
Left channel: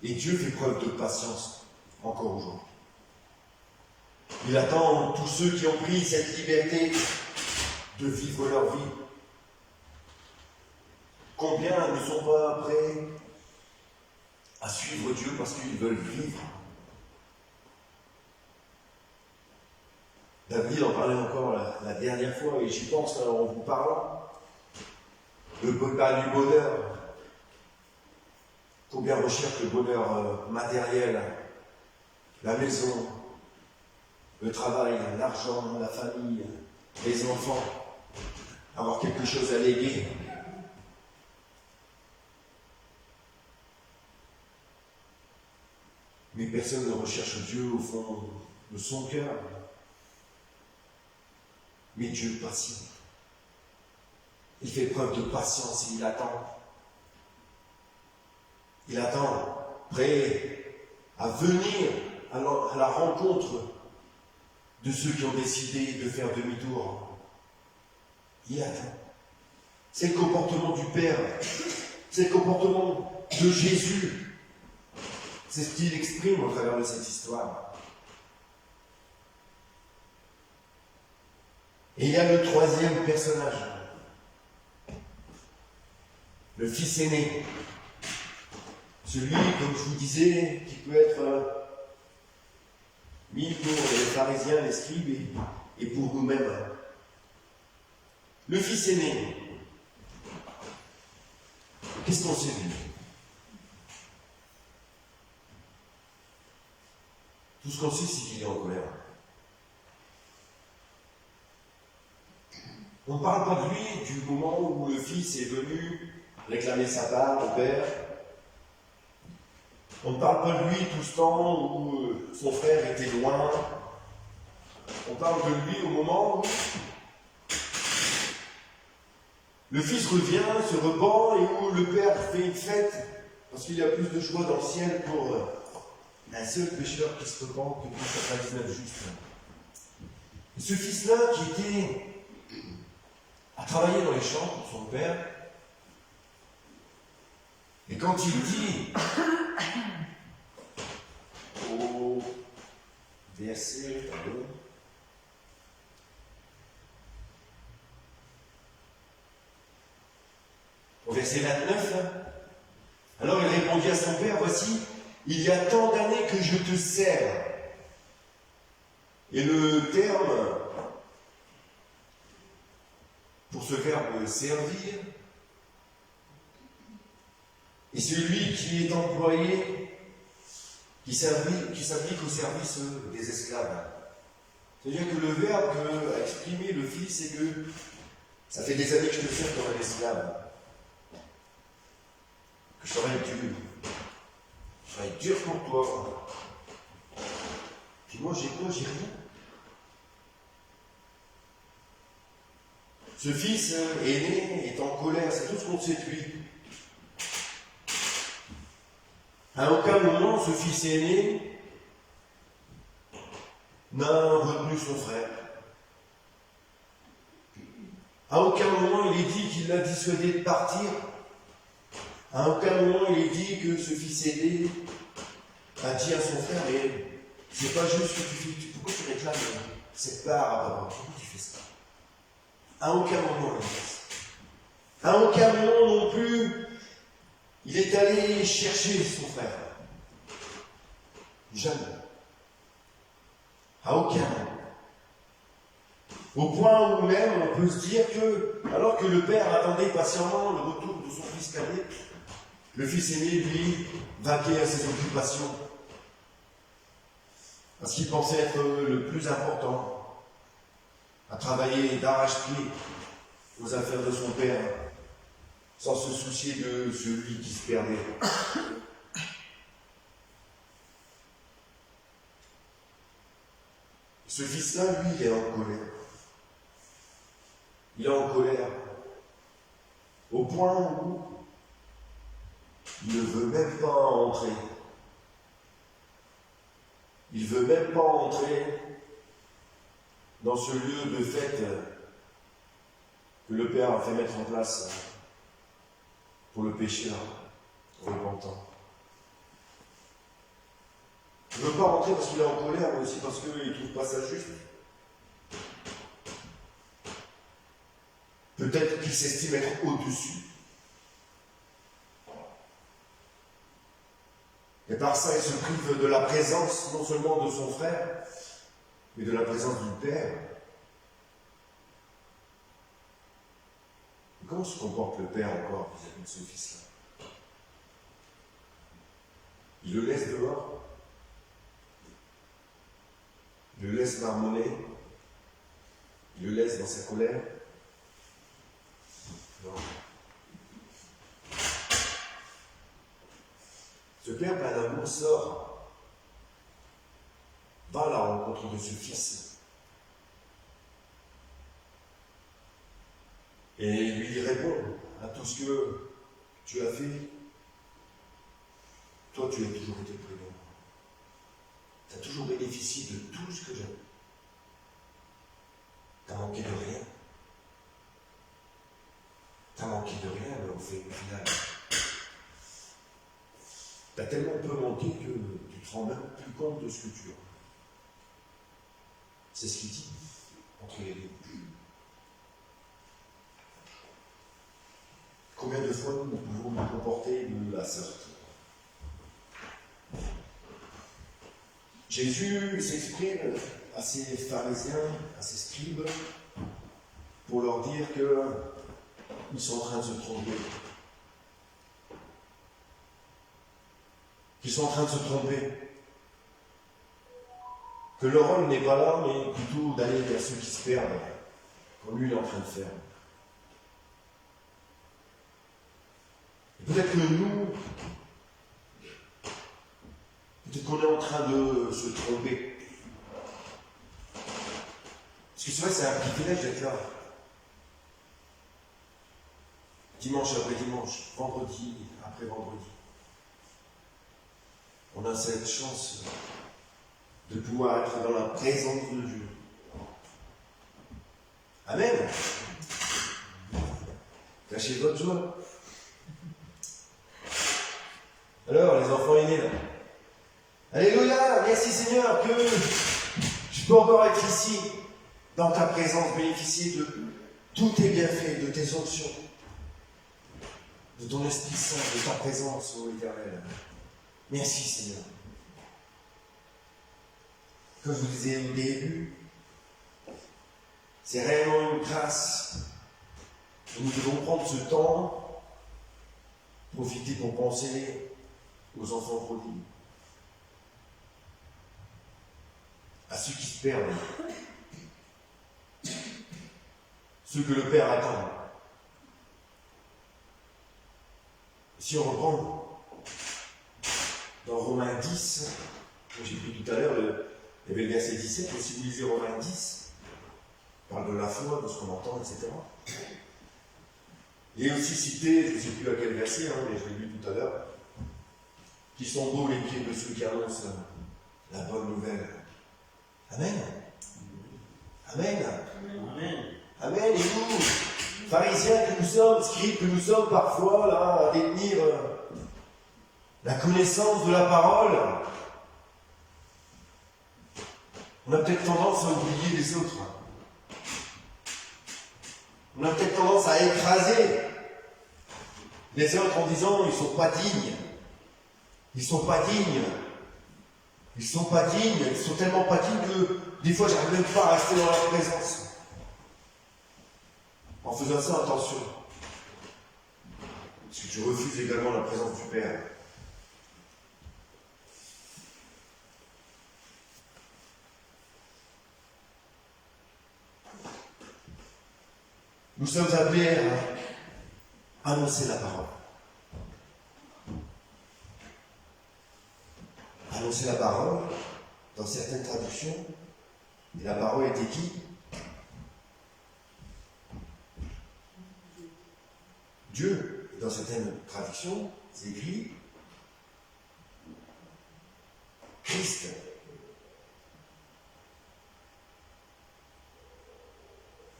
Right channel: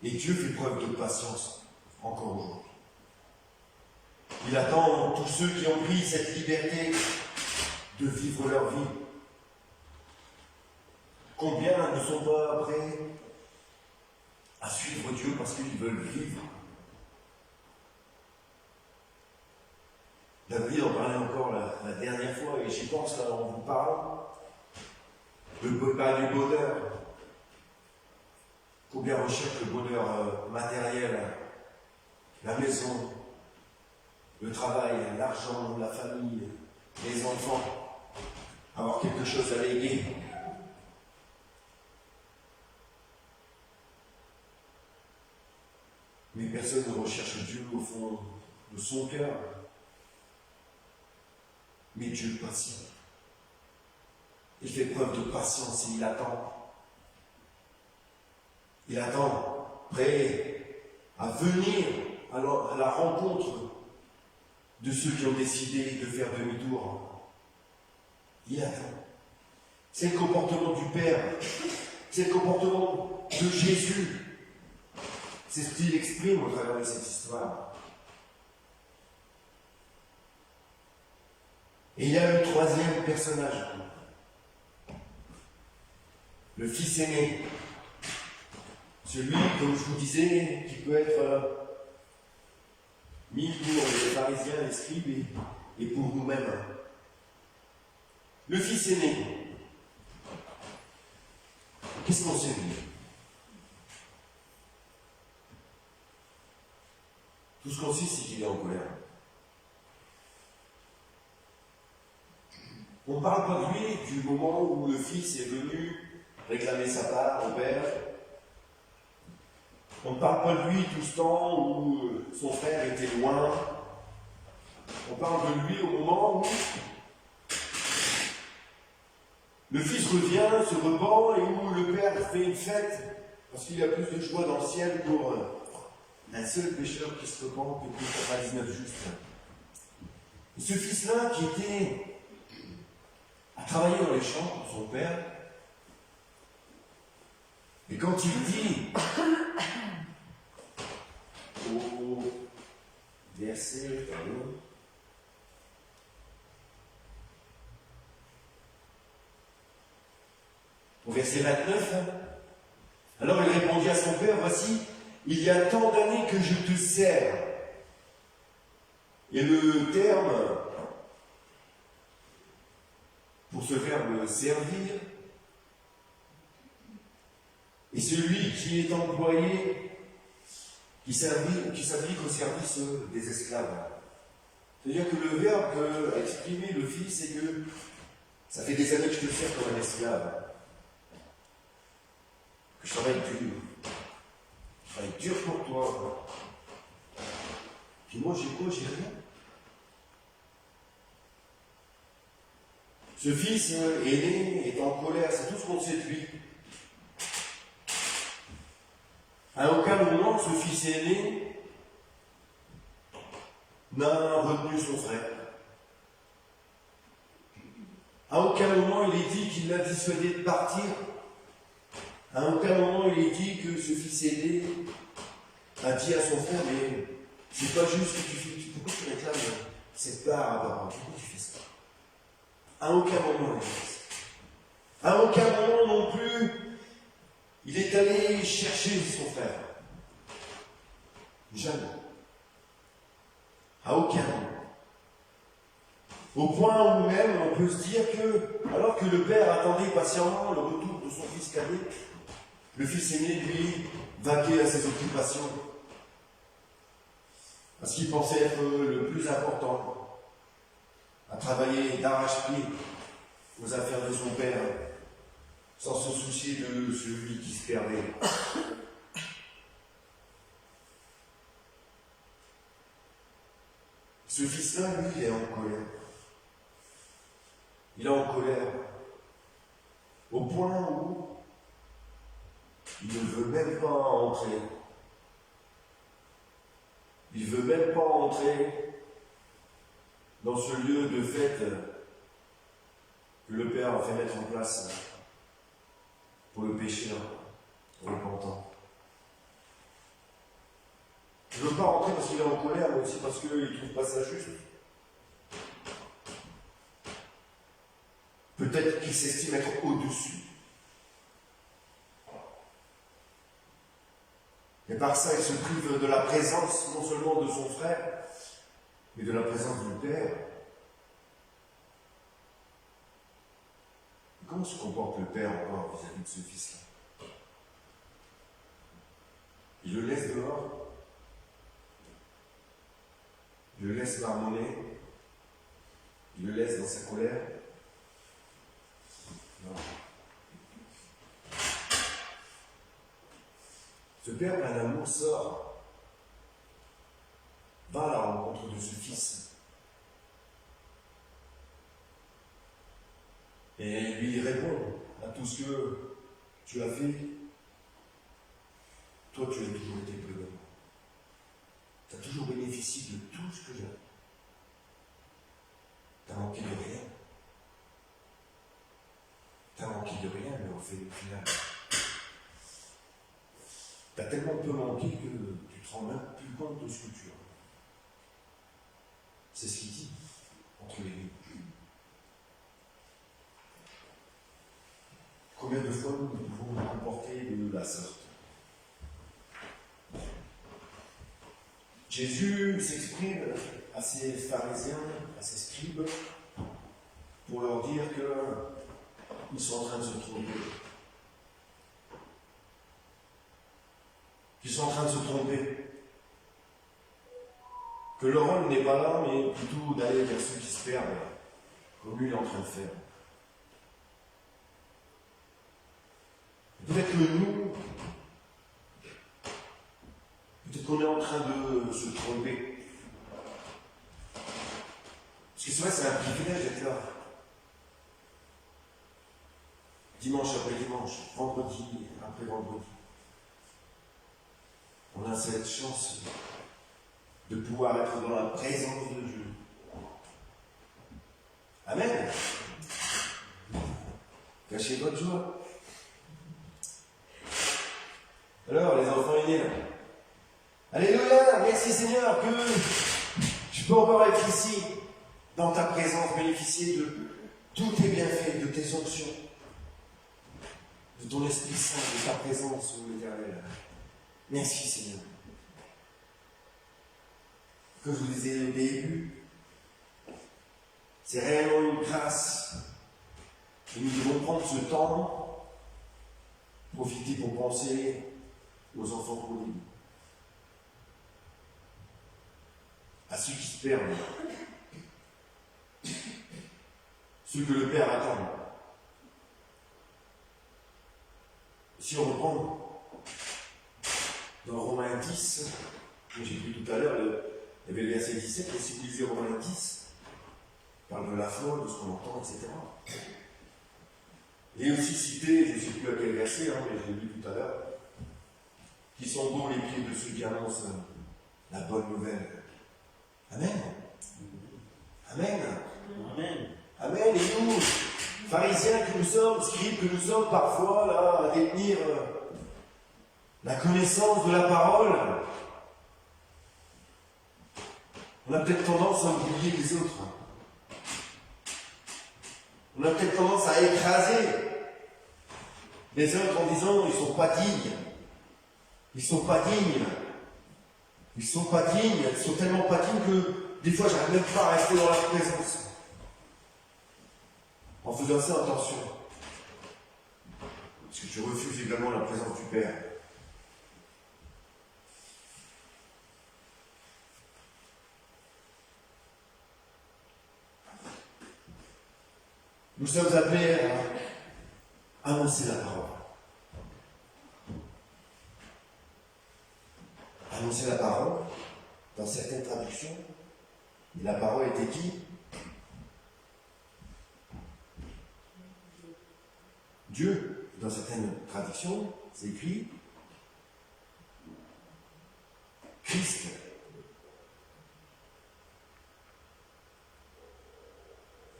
Et Dieu fait preuve de patience encore aujourd'hui. Il attend tous ceux qui ont pris cette liberté de vivre leur vie. Combien ne sont pas prêts à suivre Dieu parce qu'ils veulent vivre? David en parlait encore la dernière fois, et j'y pense en vous parlant. Le bonheur du bonheur. Combien recherchent le bonheur matériel, la maison, le travail, l'argent, la famille, les enfants, avoir quelque chose à léguer. Mais personne ne recherche Dieu au fond de son cœur. Mais Dieu patient. Il fait preuve de patience et il attend. Il attend, prêt à venir à la rencontre de ceux qui ont décidé de faire demi-tour. Il attend. C'est le comportement du Père. C'est le comportement de Jésus. C'est ce qu'il exprime au travers de cette histoire. Et il y a le troisième personnage. Le fils aîné. Celui, comme je vous disais, qui peut être mis pour les pharisiens, les scribes et pour nous-mêmes. Le fils aîné. Qu'est-ce qu'on sait de lui? Tout ce qu'on sait, c'est qu'il est en colère. On ne parle pas de lui du moment où le fils est venu réclamer sa part au père. On ne parle pas de lui tout ce temps où son frère était loin. On parle de lui au moment où le fils revient, se repent, et où le père fait une fête, parce qu'il y a plus de joie dans le ciel pour un seul pécheur qui se repent que pour 99 justes. Et ce fils-là qui était à travailler dans les champs pour son père, et quand il dit au verset, au verset 29, alors il répondit à son père, voici, il y a tant d'années que je te sers. Et le terme pour ce verbe servir est celui qui est employé, qui s'applique au service des esclaves. C'est-à-dire que le verbe qu'a exprimé le fils, c'est que ça fait des années que je te sers comme un esclave, que je travaille dur pour toi. Puis moi, j'ai quoi? J'ai rien. Ce fils aîné est en colère, c'est tout ce qu'on sait de lui. À aucun moment, ce fils aîné n'a retenu son frère. À aucun moment, il est dit qu'il l'a dissuadé de partir. À aucun moment, il est dit que ce fils aîné a dit à son frère, mais c'est pas juste ce que tu fais. Pourquoi tu réclames cette part à papa? Pourquoi tu fais ça? À aucun moment, il a dit ça. À aucun moment non plus, il est allé chercher son frère. Jamais. À aucun moment. Au point où même on peut se dire que, alors que le père attendait patiemment le retour de son fils cadet, le fils aîné, lui, vaquait à ses occupations. Parce qu'il pensait être le plus important, à travailler d'arrache-pied aux affaires de son père, sans se soucier de celui qui se perdait. Ce fils-là, lui, il est en colère. Il est en colère. Au point où il ne veut même pas entrer. Il ne veut même pas entrer dans ce lieu de fête que le Père a fait mettre en place pour le pécheur repentant. Il ne veut pas rentrer parce qu'il est en colère, mais aussi parce qu'il ne trouve pas ça juste. Peut-être qu'il s'estime être au-dessus. Et par ça, il se prive de la présence, non seulement de son frère, mais de la présence du Père. Et comment se comporte le Père encore vis-à-vis de ce fils-là? Il le laisse dehors, il le laisse marmonner, il le laisse dans sa colère. Non. Ce Père plein d'amour sort, va à la rencontre de ce Fils. Et lui répond à tout ce que tu as fait. Toi, tu as toujours été prudent. Tu as toujours bénéficié de tout ce que j'ai. Tu n'as manqué de rien. Tu n'as manqué de rien, mais au final. Tu as tellement peu manqué que tu ne te rends même plus compte de ce que tu as. C'est ce qu'il dit entre les lignes. Combien de fois nous pouvons nous comporter de la sorte? Jésus s'exprime à ces pharisiens, à ces scribes, pour leur dire qu'ils sont en train de se tromper. Qu'ils sont en train de se tromper. Que leur rôle n'est pas là, mais plutôt d'aller vers ceux qui se perdent, comme lui il est en train de faire. Peut-être que nous, peut-être qu'on est en train de se tromper. Parce que c'est vrai que c'est un privilège d'être là. Dimanche après dimanche, vendredi après vendredi. On a cette chance de pouvoir être dans la présence de Dieu. Amen. Cachez votre joie. Alors, les enfants aînés, là. Alléluia, merci Seigneur que je peux encore être ici, dans ta présence, bénéficier de tous tes bienfaits, de tes options, de ton Esprit Saint, de ta présence, ô Éternel. Merci Seigneur. Comme je vous disais au début, c'est réellement une grâce. Et nous devons prendre ce temps, profiter pour penser aux enfants prodigues, à ceux qui se perdent, ceux que le Père attend. Si on reprend dans Romains 10, que j'ai pris tout à l'heure, il y avait le verset 17, et si vous lisez Romains 10, il parle de la foi, de ce qu'on entend, etc. Il est aussi cité, je ne sais plus à quel verset, mais je l'ai lu tout à l'heure, qui sont beaux les pieds de ceux qui annoncent la bonne nouvelle. Amen. Amen. Amen. Amen. Et nous, pharisiens que nous sommes, scribes que nous sommes parfois, là, à détenir la connaissance de la parole, on a peut-être tendance à oublier les autres. On a peut-être tendance à écraser les autres en disant ils ne sont pas dignes. Ils ne sont pas dignes. Ils ne sont pas dignes. Ils sont tellement pas dignes que des fois j'arrive même pas à rester dans leur présence. En faisant ça, attention. Parce que tu refuses également la présence du Père. Nous sommes appelés à annoncer la parole. Annoncer la parole, dans certaines traductions, et la parole était qui? Dieu. Et dans certaines traductions, c'est écrit Christ.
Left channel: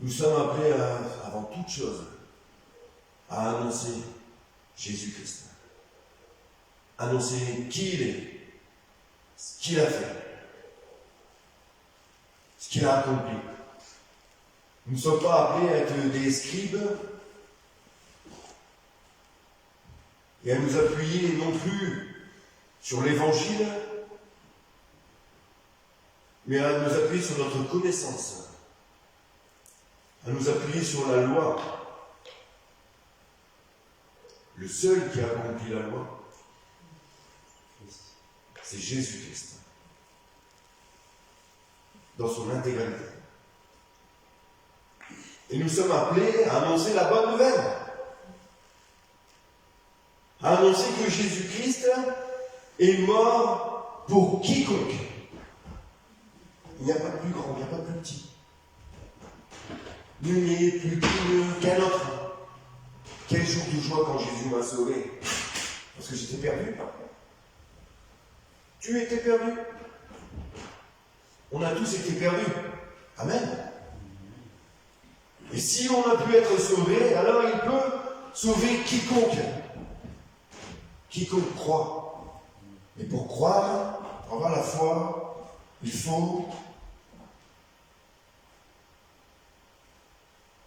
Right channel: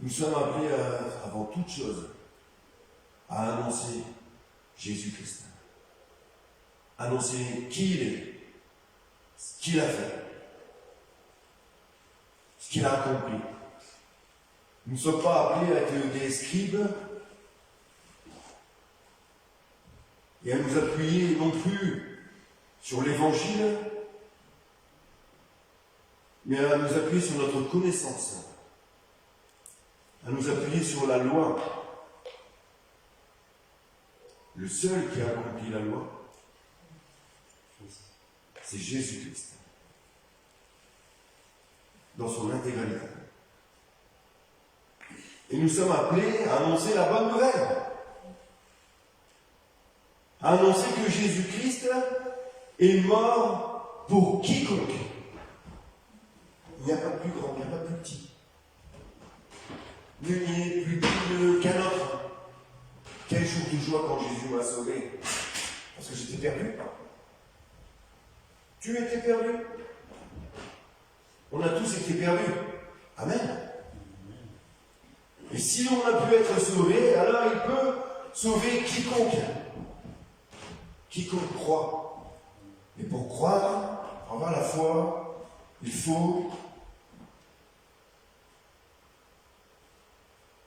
Nous sommes appelés avant toute chose à annoncer Jésus-Christ. Annoncer qui il est, qu'il a fait, ce qu'il a accompli. Nous ne sommes pas appelés à être des scribes et à nous appuyer non plus sur l'Évangile, mais à nous appuyer sur notre connaissance, à nous appuyer sur la loi. Le seul qui a accompli la loi, c'est Jésus-Christ, dans son intégralité. Et nous sommes appelés à annoncer la bonne nouvelle, à annoncer que Jésus-Christ est mort pour quiconque. Il n'y a pas plus grand, il n'y a pas plus petit. Nul n'est plus digne qu'un autre. Quel jour de joie quand Jésus m'a sauvé. Parce que j'étais perdu. Tu étais perdu. On a tous été perdus. Amen. Et si on a pu être sauvé, alors il peut sauver quiconque. Quiconque croit. Et pour croire, pour avoir la foi, il faut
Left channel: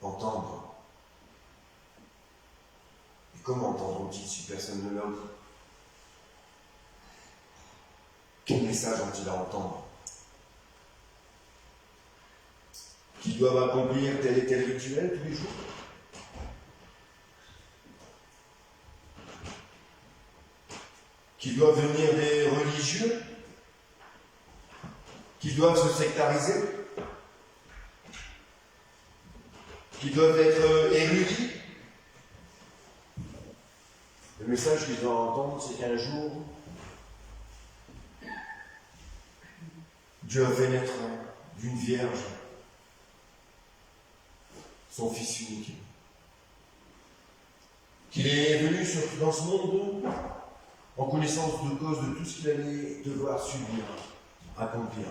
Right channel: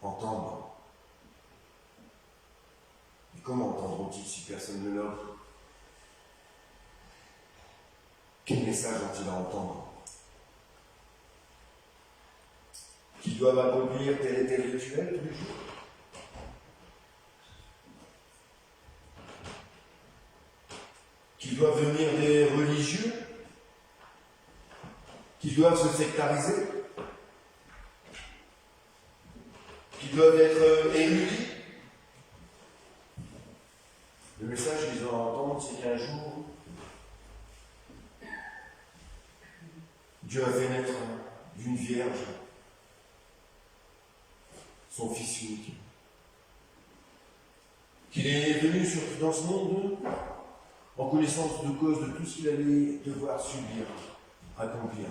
entendre. Et comment entendront-ils si personne ne leur dit? Quel message ont-ils à entendre? Qu'ils doivent accomplir tel et tel rituel tous les jours? Qu'ils doivent venir des religieux? Qu'ils doivent se sectariser? Qu'ils doivent être érudits? Le message qu'ils ont à entendre, c'est qu'un jour, Dieu a fait naître d'une vierge son Fils unique. Qu'il est venu dans ce monde en connaissance de cause de tout ce qu'il allait devoir subir, accomplir.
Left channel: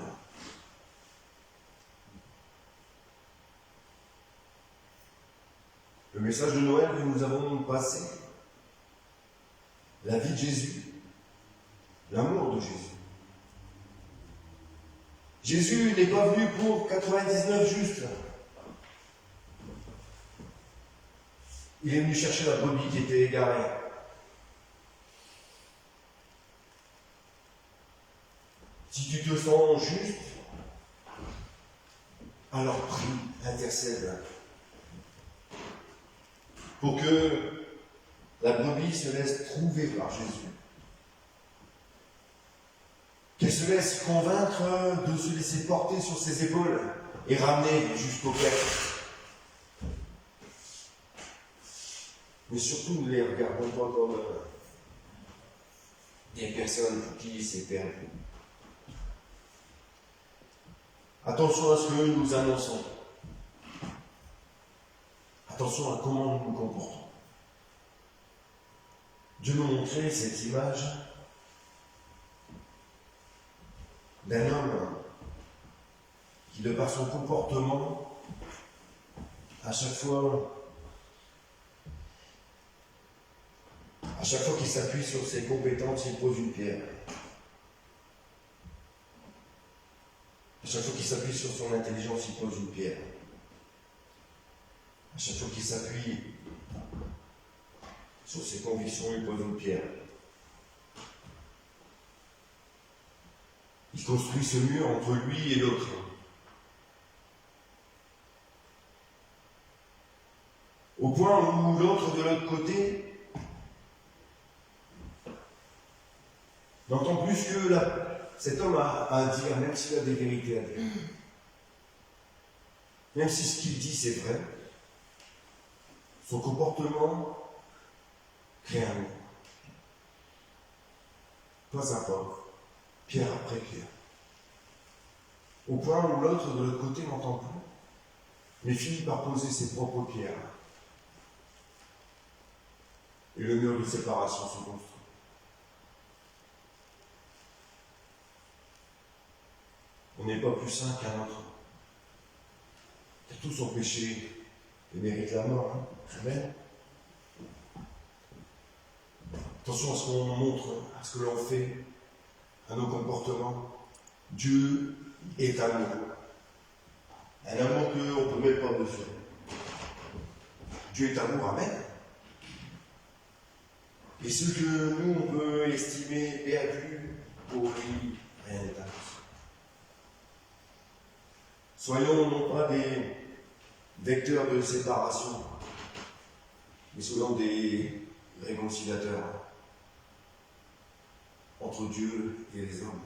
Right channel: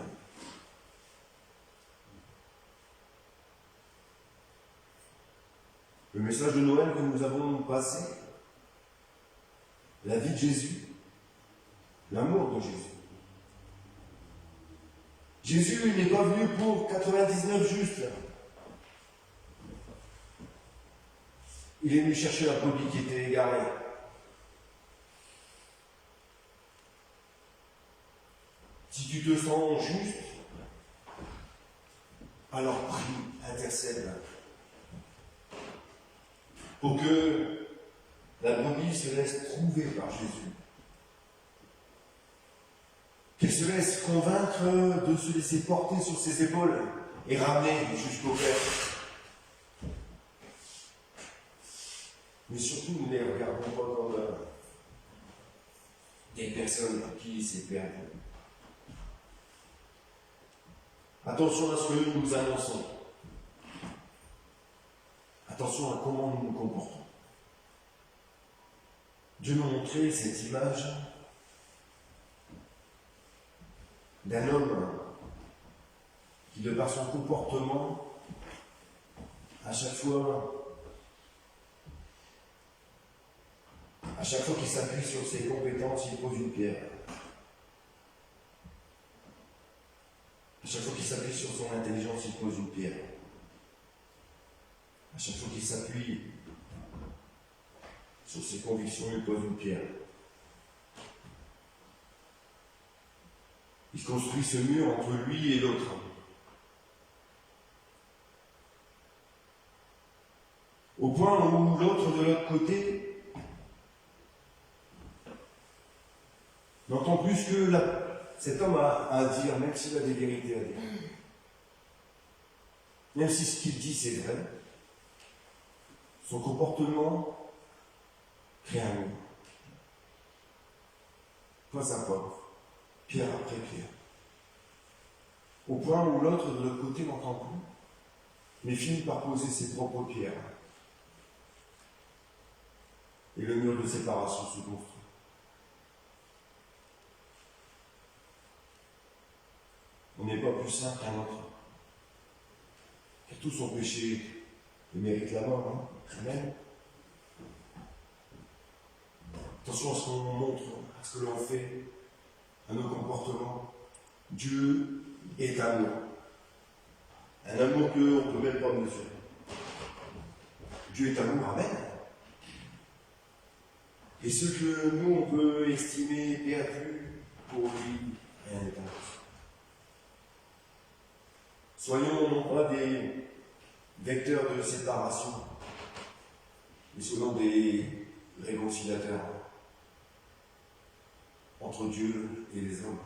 Le message de Noël que nous avons passé, la vie de Jésus, l'amour de Jésus. Jésus n'est pas venu pour 99 justes. Il est venu chercher la brebis qui était égarée. Si tu te sens juste, alors prie, intercède. Pour que la brebis se laisse trouver par Jésus. Qu'elle se laisse convaincre de se laisser porter sur ses épaules et ramener jusqu'au Père. Mais surtout, ne les regardons pas comme des personnes à qui c'est perdu. Attention à ce que nous annonçons. Attention à comment nous nous comportons. Dieu nous montrait cette image d'un homme qui, de par son comportement, à chaque fois qu'il s'appuie sur ses compétences, il pose une pierre. À chaque fois qu'il s'appuie sur son intelligence, il pose une pierre. À chaque fois qu'il s'appuie sur ses convictions, il pose une pierre. Il construit ce mur entre lui et l'autre. Au point où l'autre de l'autre côté n'entend plus que cet homme a à dire, même s'il a des vérités à dire. Même si ce qu'il dit c'est vrai, son comportement crée un mur. Pas à pas, pierre après pierre. Au point où l'autre de l'autre côté n'entend plus, mais finit par poser ses propres pierres. Et le mur de séparation se construit. On n'est pas plus saint qu'un autre. Qui a tout son péché et mérite la mort. Amen. Attention à ce qu'on montre, à ce que l'on fait, à nos comportements. Dieu est amour. Un amour qu'on ne peut même pas mesurer. Dieu est amour, amen. Et ce que nous, on peut estimer perdu, pour lui, rien n'est impossible. Soyons non pas des vecteurs de séparation, mais soyons des réconciliateurs entre Dieu et les hommes.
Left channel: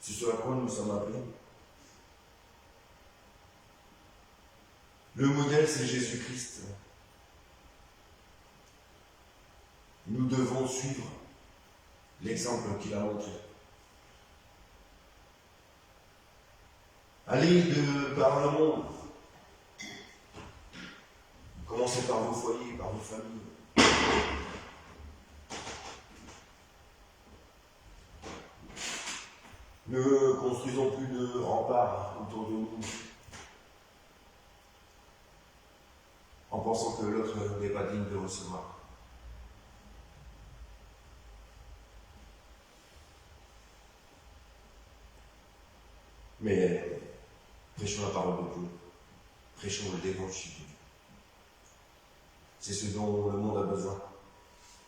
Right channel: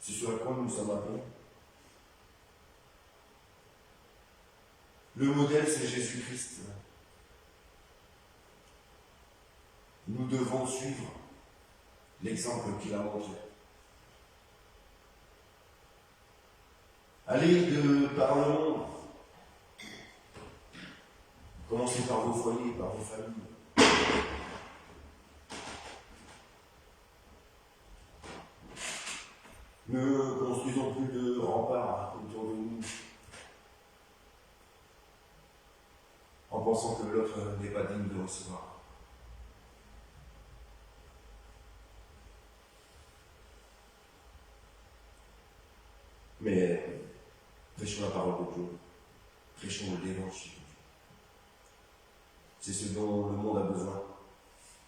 C'est ce à quoi nous sommes appelés. Le modèle, c'est Jésus-Christ. Nous devons suivre l'exemple qu'il a montré. Allez par le monde. Commencez par vos foyers, par vos familles. Ne construisons plus de remparts autour de nous en pensant que l'autre n'est pas digne de recevoir. Mais prêchons la parole de Dieu, prêchons l'évangile. C'est ce dont le monde a besoin.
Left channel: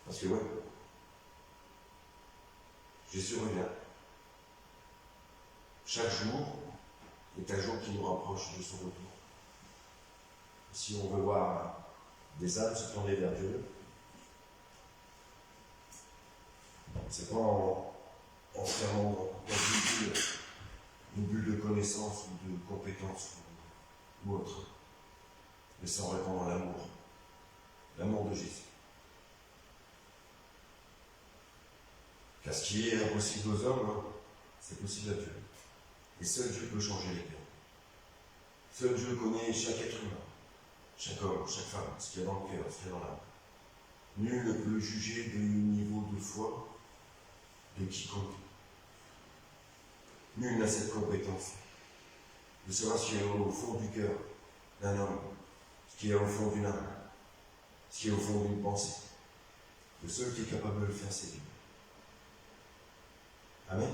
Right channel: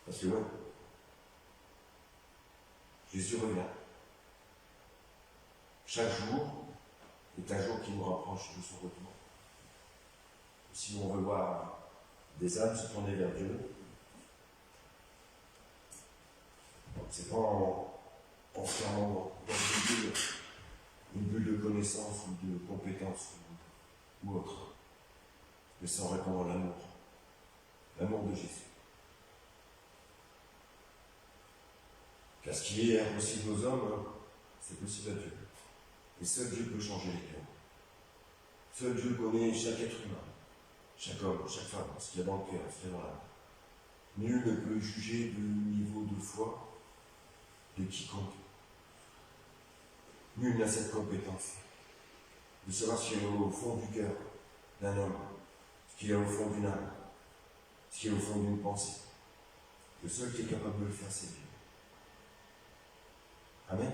Parce que ouais, Jésus revient. Chaque jour est un jour qui nous rapproche de son retour. Si on veut voir des âmes se tourner vers Dieu, c'est pas en se fermant dans une bulle de connaissances ou de compétences ou autre, mais sans répandre l'amour de Jésus. Car ce qui est impossible aux hommes, c'est possible à Dieu. Et seul Dieu peut changer les cœurs. Seul Dieu connaît chaque être humain, chaque homme, chaque femme, ce qu'il y a dans le cœur, ce qu'il y a dans l'âme. Nul ne peut juger du niveau de foi de quiconque. Nul n'a cette compétence de savoir ce qu'il y a au fond du cœur d'un homme, ce qu'il y a au fond d'une âme, ce qu'il y a au fond d'une pensée. Le seul qui est capable de le faire, c'est Dieu. Amen.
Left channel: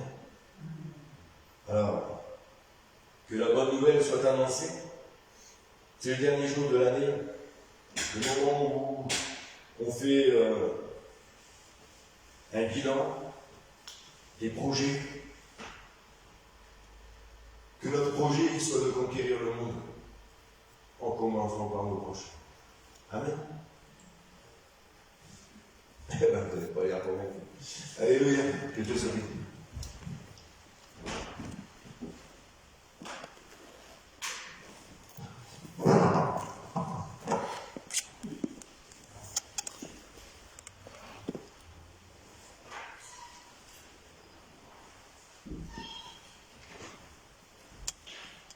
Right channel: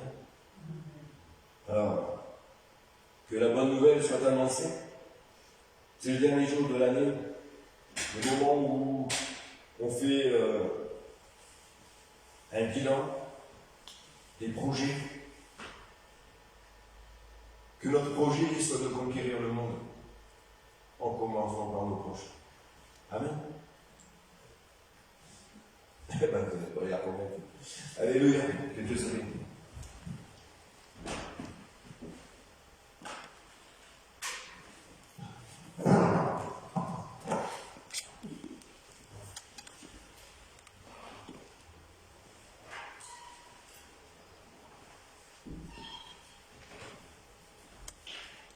Alors, que la bonne nouvelle soit annoncée. C'est le dernier jour de l'année, le moment où on fait un bilan des projets. Que notre projet soit de conquérir le monde, en commençant par nos proches. Amen. Eh bien, vous n'êtes pas là pour moi. Alléluia, que Dieu soit béni.